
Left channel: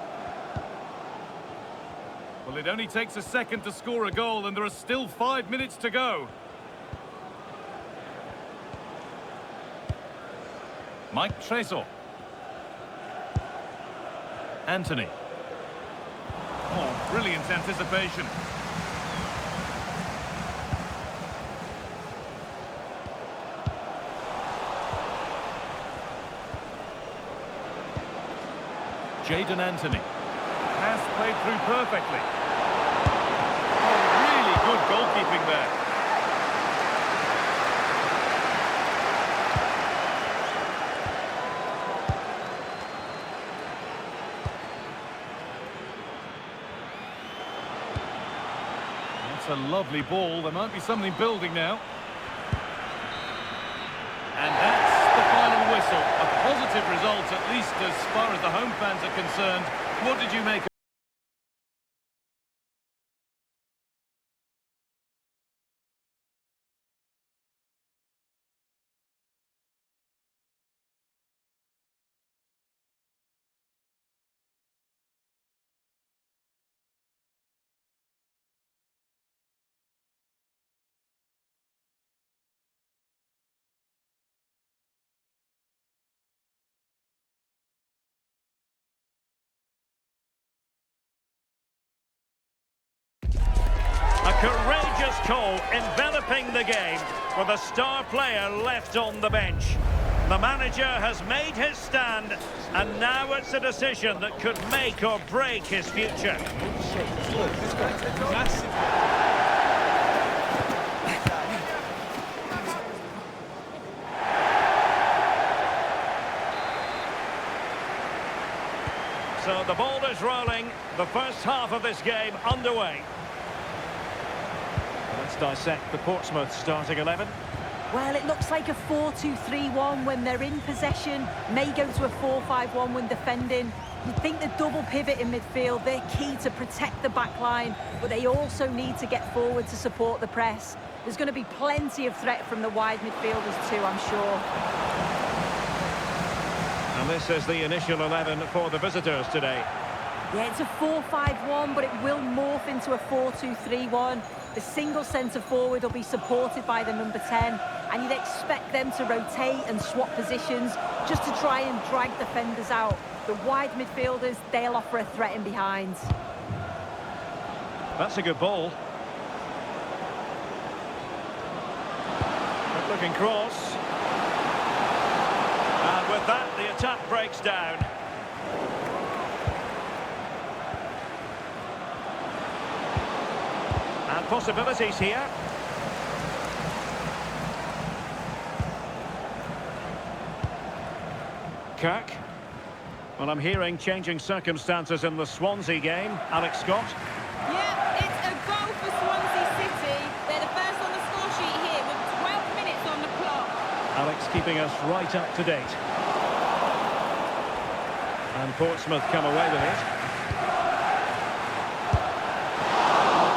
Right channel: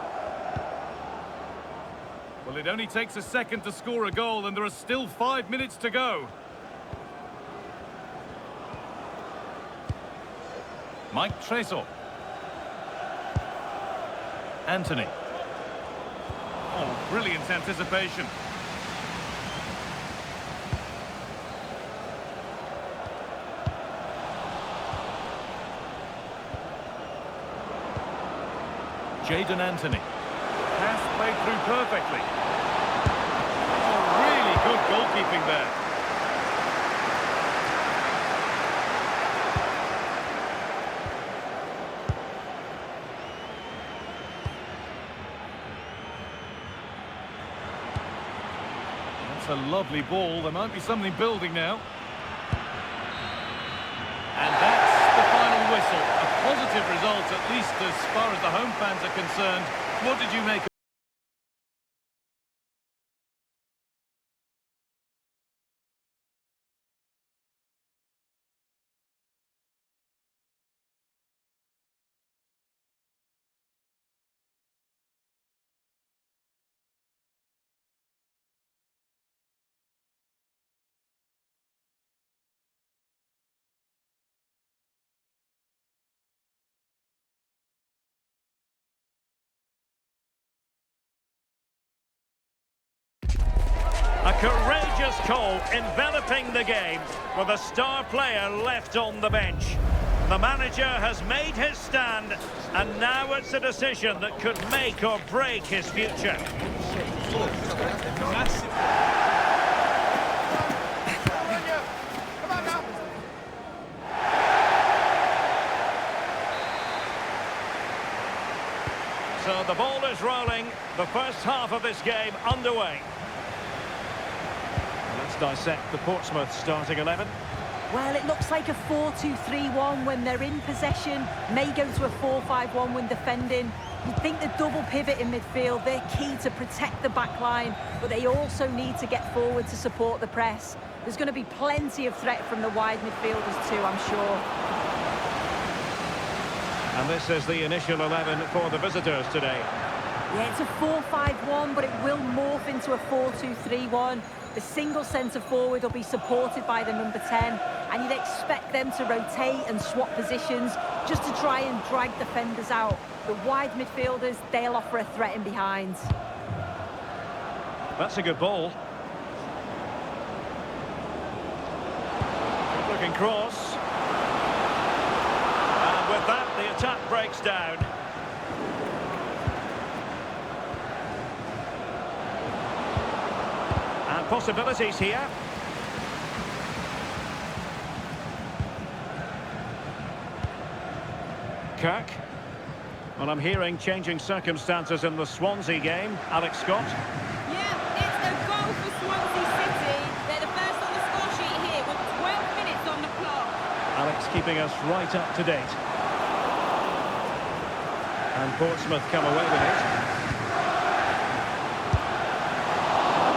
Well, it only takes a second to score a goal, and there are still 5 minutes to go. Mike Trésor. Anthony. Oh, brilliant anticipation. Jadon Anthony. Pass played through perfectly. Oh, really good goalkeeping there. That's a lovely ball. There might be something building now. And that's the final whistle. A positive result, at least as far as the home fans are concerned. What did you make of A courageous call enveloping the game with a star player left on the bench. The manager has made his stand, and now it's a decision that could make or break his future. So the ball is rolling, the first half of this game underway. Let's dissect the Portsmouth starting 11. Well, it looks like a 4-2-3-1 when they're in possession, may go to a 4-5-1 when defending. You'd think the double pivot in midfield, they're key to protect the back line, but they also need to get forward to support the press. There's going to be plenty of threat from the wide midfielders too, I'm sure. And this is the initial 11 for the visitors today. Yeah, it's a 4-5-1, but it will morph into a 4-2-3-1. The single centre forward will be supported by the number 10, and you'd expect them to rotate and swap positions just to try and drag defenders out. The wide midfielders, they'll offer a threat in behind. That's a good ball. Good looking cross. And with that, the attack breaks down. And possibilities here. Kirk. Well, I'm hearing changing circumstances in the Swansea game. Alex Scott. Yeah, it's a goal for Swansea City. They're the first on the score sheet here with 12 minutes on the clock. Alex keeping us right up to date. And Portsmouth come away with it.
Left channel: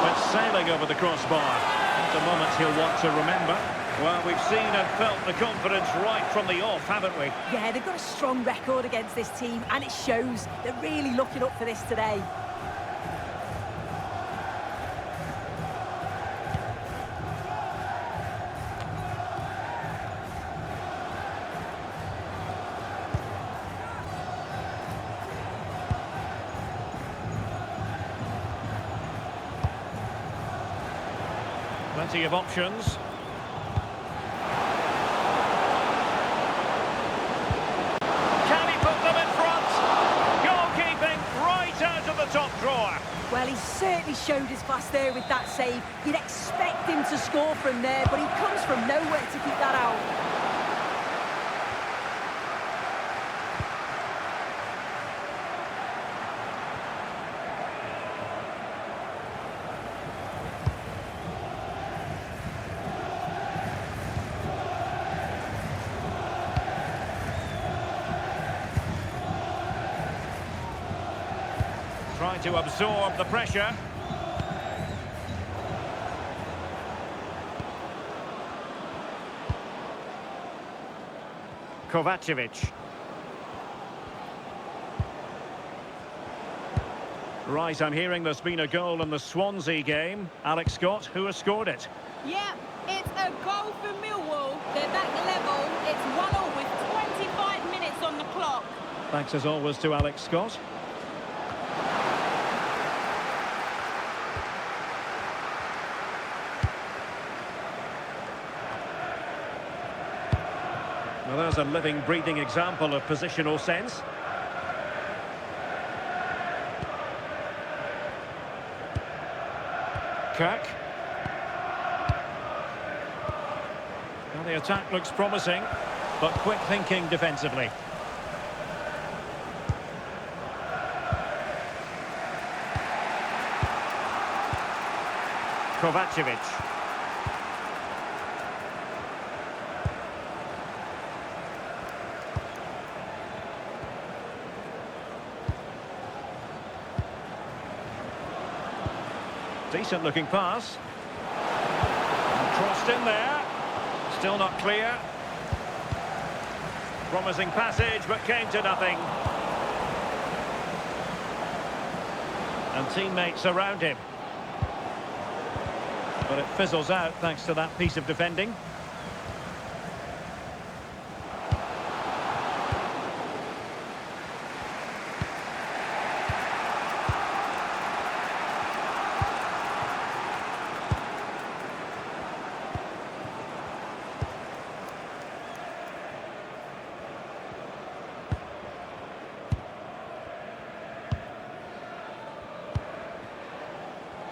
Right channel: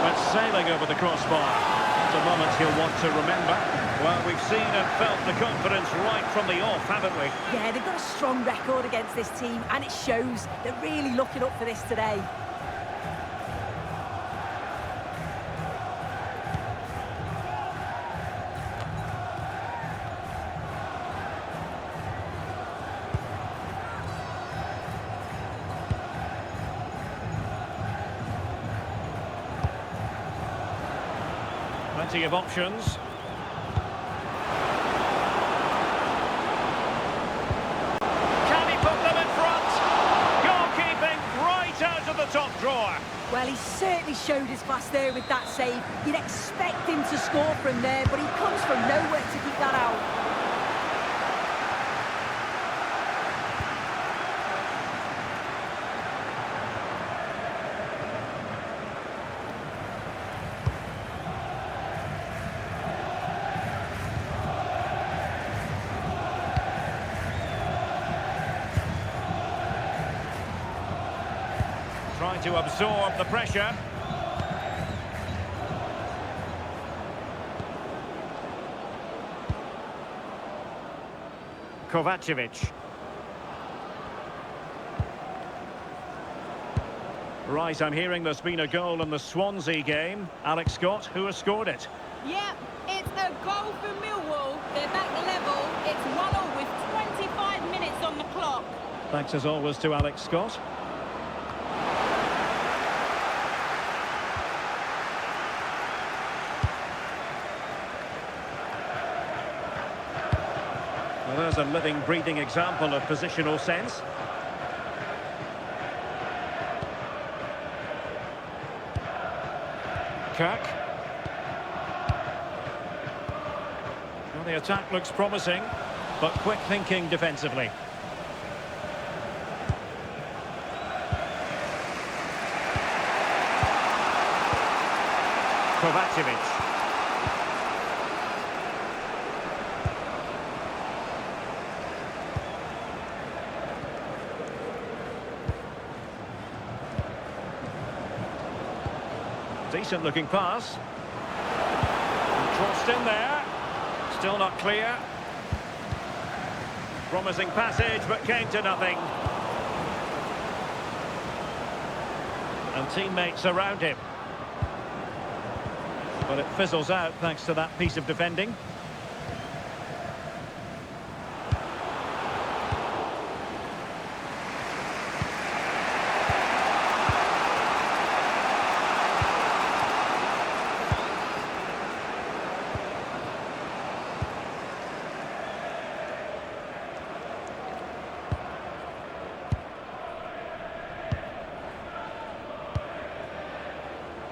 Went sailing over the crossbar. It's a moment he'll want to remember. Well, we've seen and felt the confidence right from the off, haven't we? Yeah, they've got a strong record against this team, and it shows. They're really looking up for this today. Plenty of options. Can he put them in front? Goalkeeping right out of the top drawer. Well, he certainly showed his class there with that save. You'd expect him to score from there, but he comes from nowhere to keep that out. Trying to absorb the pressure. Kovacevic. Right, I'm hearing there's been a goal in the Swansea game. Alex Scott, who has scored it? Yeah, it's a goal for Millwall. They're back level. It's 1-1 with 25 minutes on the clock. Thanks as always to Alex Scott. Well, there's a living, breathing example of positional sense. Kirk. Well, the attack looks promising, but quick thinking defensively. Kovacevic. Decent looking pass. And crossed in there. Still not clear. Promising passage, but came to nothing. And teammates around him. But it fizzles out thanks to that piece of defending.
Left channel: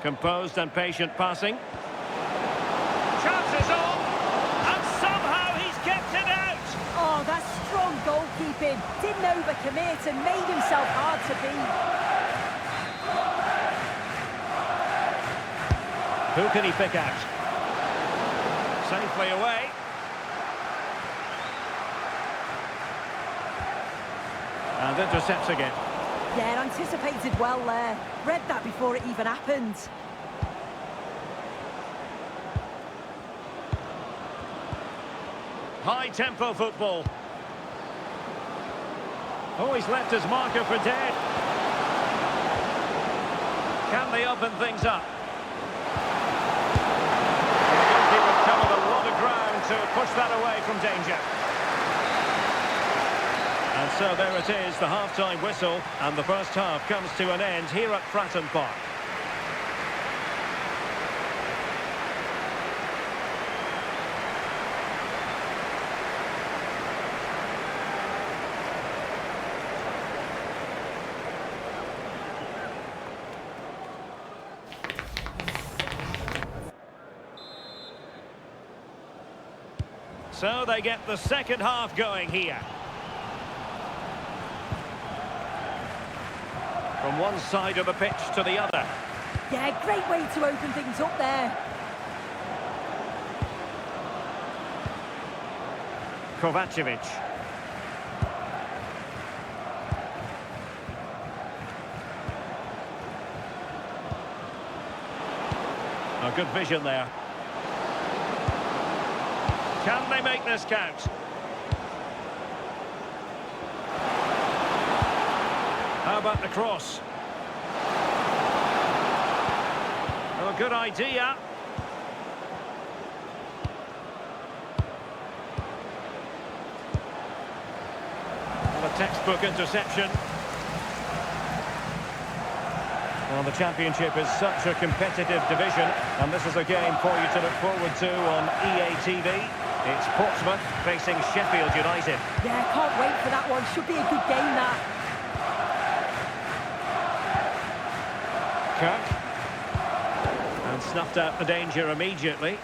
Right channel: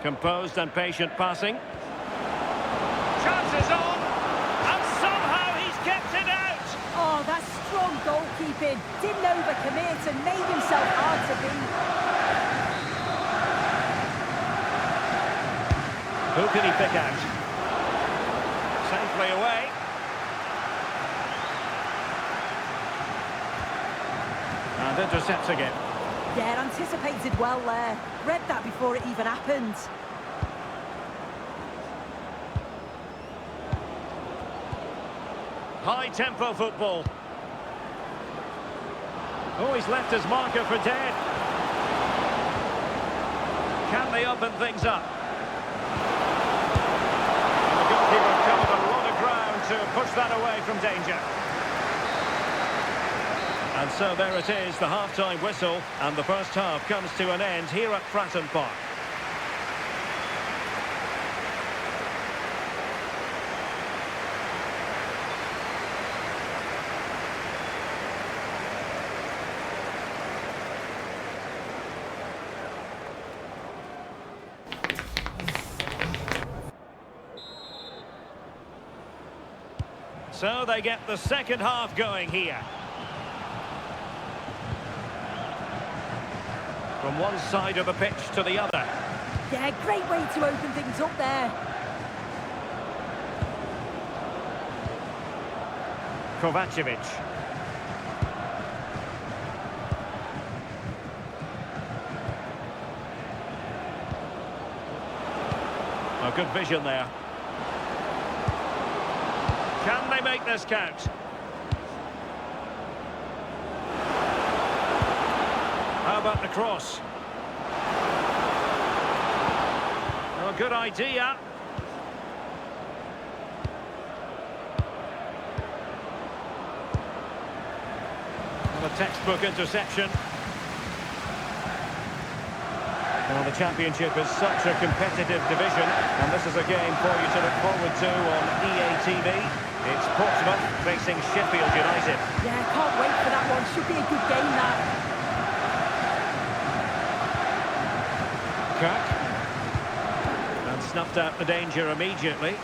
Composed and patient passing. Chances on, and somehow he's kept it out. Oh, that's strong goalkeeping. Didn't overcommit and made himself hard to beat. Who can he pick out? Safely away. And intercepts again. Yeah, anticipated well there. Read that before it even happened. High-tempo football. Oh, he's left his marker for dead. Can they open things up? And the goalkeeper covered a lot of ground to push that away from danger. And so there it is, the half-time whistle, and the first half comes to an end here at Fratton Park. So they get the second half going here. From one side of the pitch to the other. Yeah, great way to open things up there. Kovacevic. A good vision there. Can they make this count? How about the cross? Oh, good idea. Well, a textbook interception. Well, the Championship is such a competitive division, and this is a game for you to look forward to on EA TV. It's Portsmouth facing Sheffield United. Yeah, can't wait for that one. Should be a good game, that. Kirk. And snuffed out the danger immediately.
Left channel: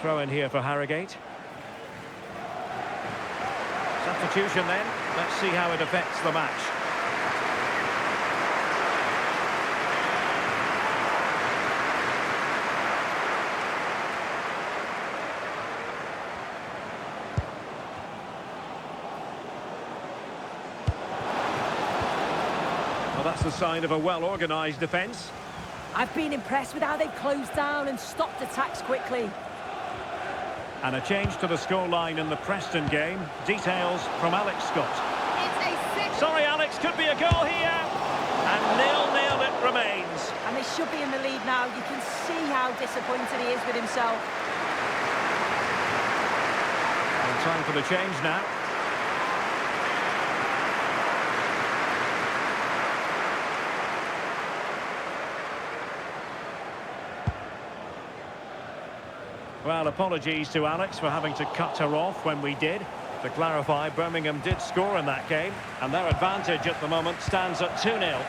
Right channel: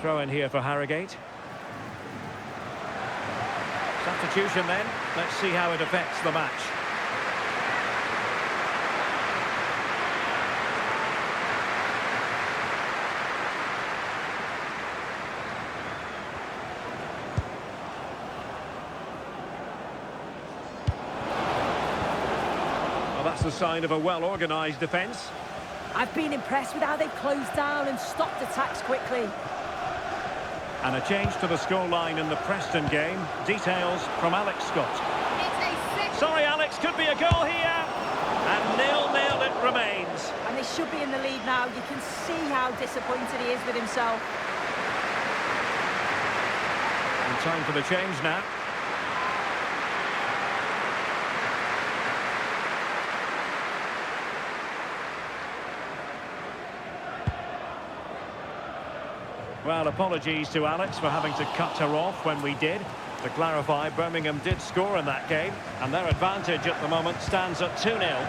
Throw in here for Harrogate. Substitution then. Let's see how it affects the match. Well, that's the sign of a well-organised defence. I've been impressed with how they've closed down and stopped attacks quickly. And a change to the scoreline in the Preston game. Details from Alex Scott. It's a second. Sorry, Alex, could be a goal here. And 0-0 it remains. And they should be in the lead now. You can see how disappointed he is with himself. And time for the change now. Well, apologies to Alex for having to cut her off when we did. To clarify, Birmingham did score in that game, and their advantage at the moment stands at 2-0.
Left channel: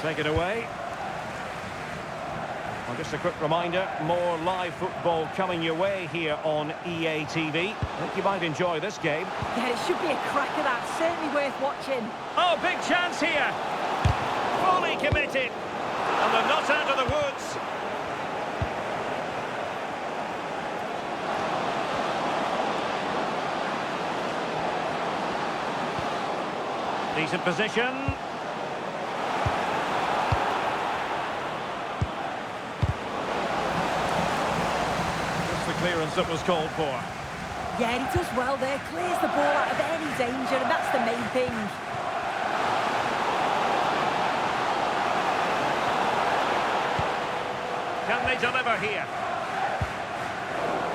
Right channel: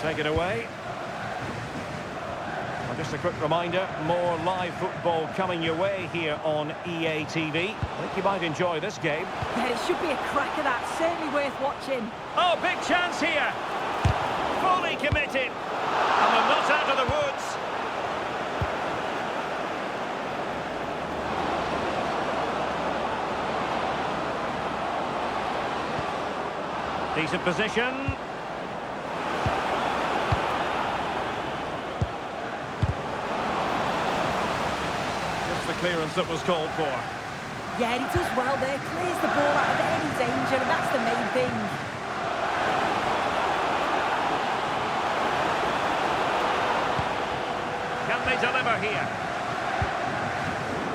Take it away. Well, just a quick reminder, more live football coming your way here on EA TV. I think you might enjoy this game. Yeah, it should be a cracker, that. Certainly worth watching. Oh, big chance here. Fully committed. And they're not out of the woods. Decent position. Just the clearance that was called for. Yeah, he does well there. Clears the ball out of any danger, and that's the main thing. Can they deliver here?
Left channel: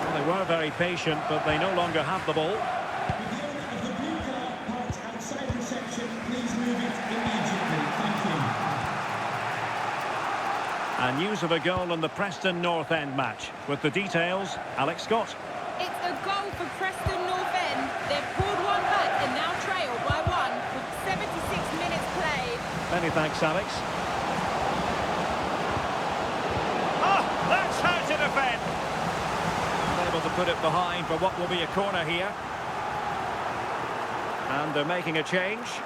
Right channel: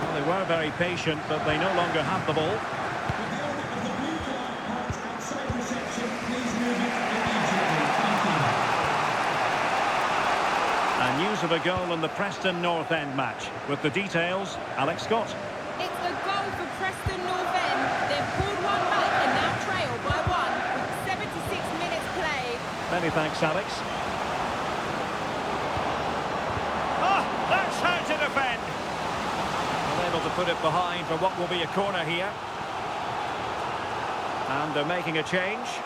Well, they were very patient, but they no longer have the ball. With the owner of the blue car parked outside reception, please move it immediately. Thank you. And news of a goal in the Preston North End match. With the details, Alex Scott. It's a goal for Preston North End. They've pulled one back and now trail by one with 76 minutes played. Many thanks, Alex. Oh, that's how to defend. Well, they able to put it behind for what will be a corner here. And they're making a change.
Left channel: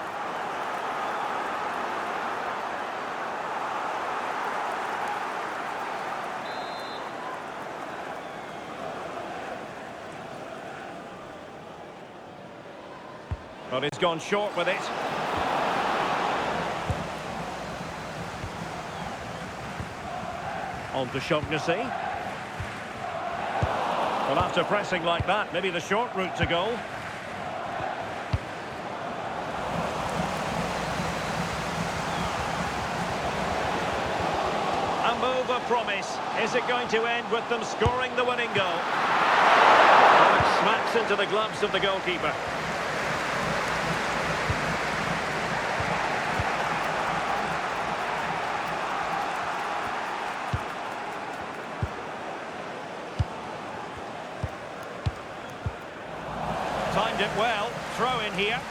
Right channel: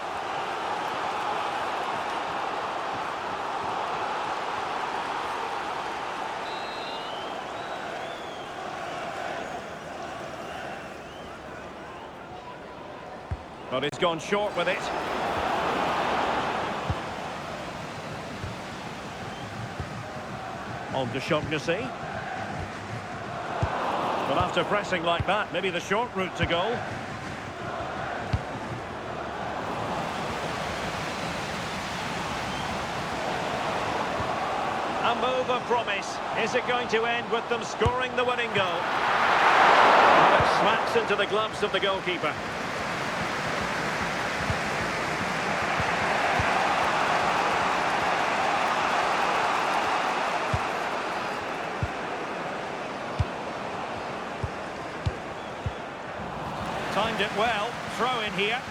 But he's gone short with it. On to Shaughnessy. Well, after pressing like that, maybe the short route to goal. A move of promise. Is it going to end with them scoring the winning goal? Well, it smacks into the gloves of the goalkeeper. Timed it well. Throw in here.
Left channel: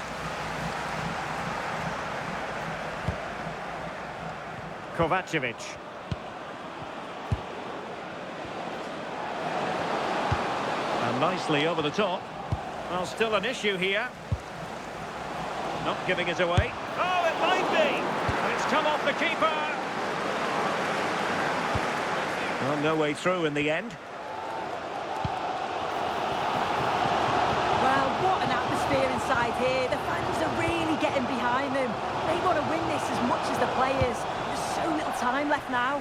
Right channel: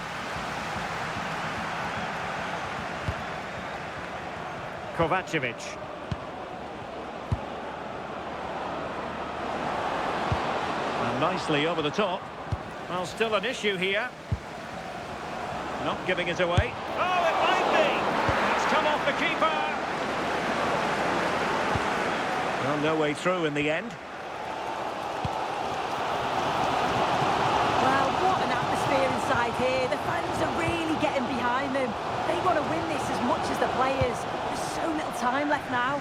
Kovacevic. And nicely over the top. Well, still an issue here. Not giving it away. Oh, it might be! And it's come off the keeper! Well, no way through in the end. Well, what an atmosphere inside here. The fans are really getting behind them. They want to win this as much as the players. There's so little time left now.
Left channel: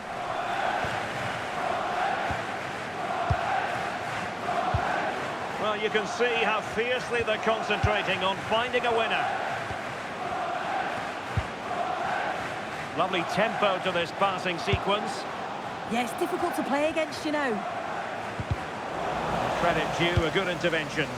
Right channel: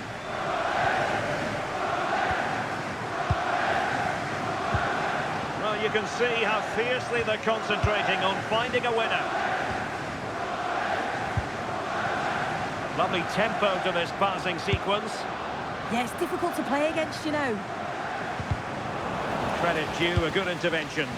Well, you can see how fiercely they're concentrating on finding a winner. Lovely tempo to this passing sequence. Yeah, it's difficult to play against, you know. Credit due, a good intervention.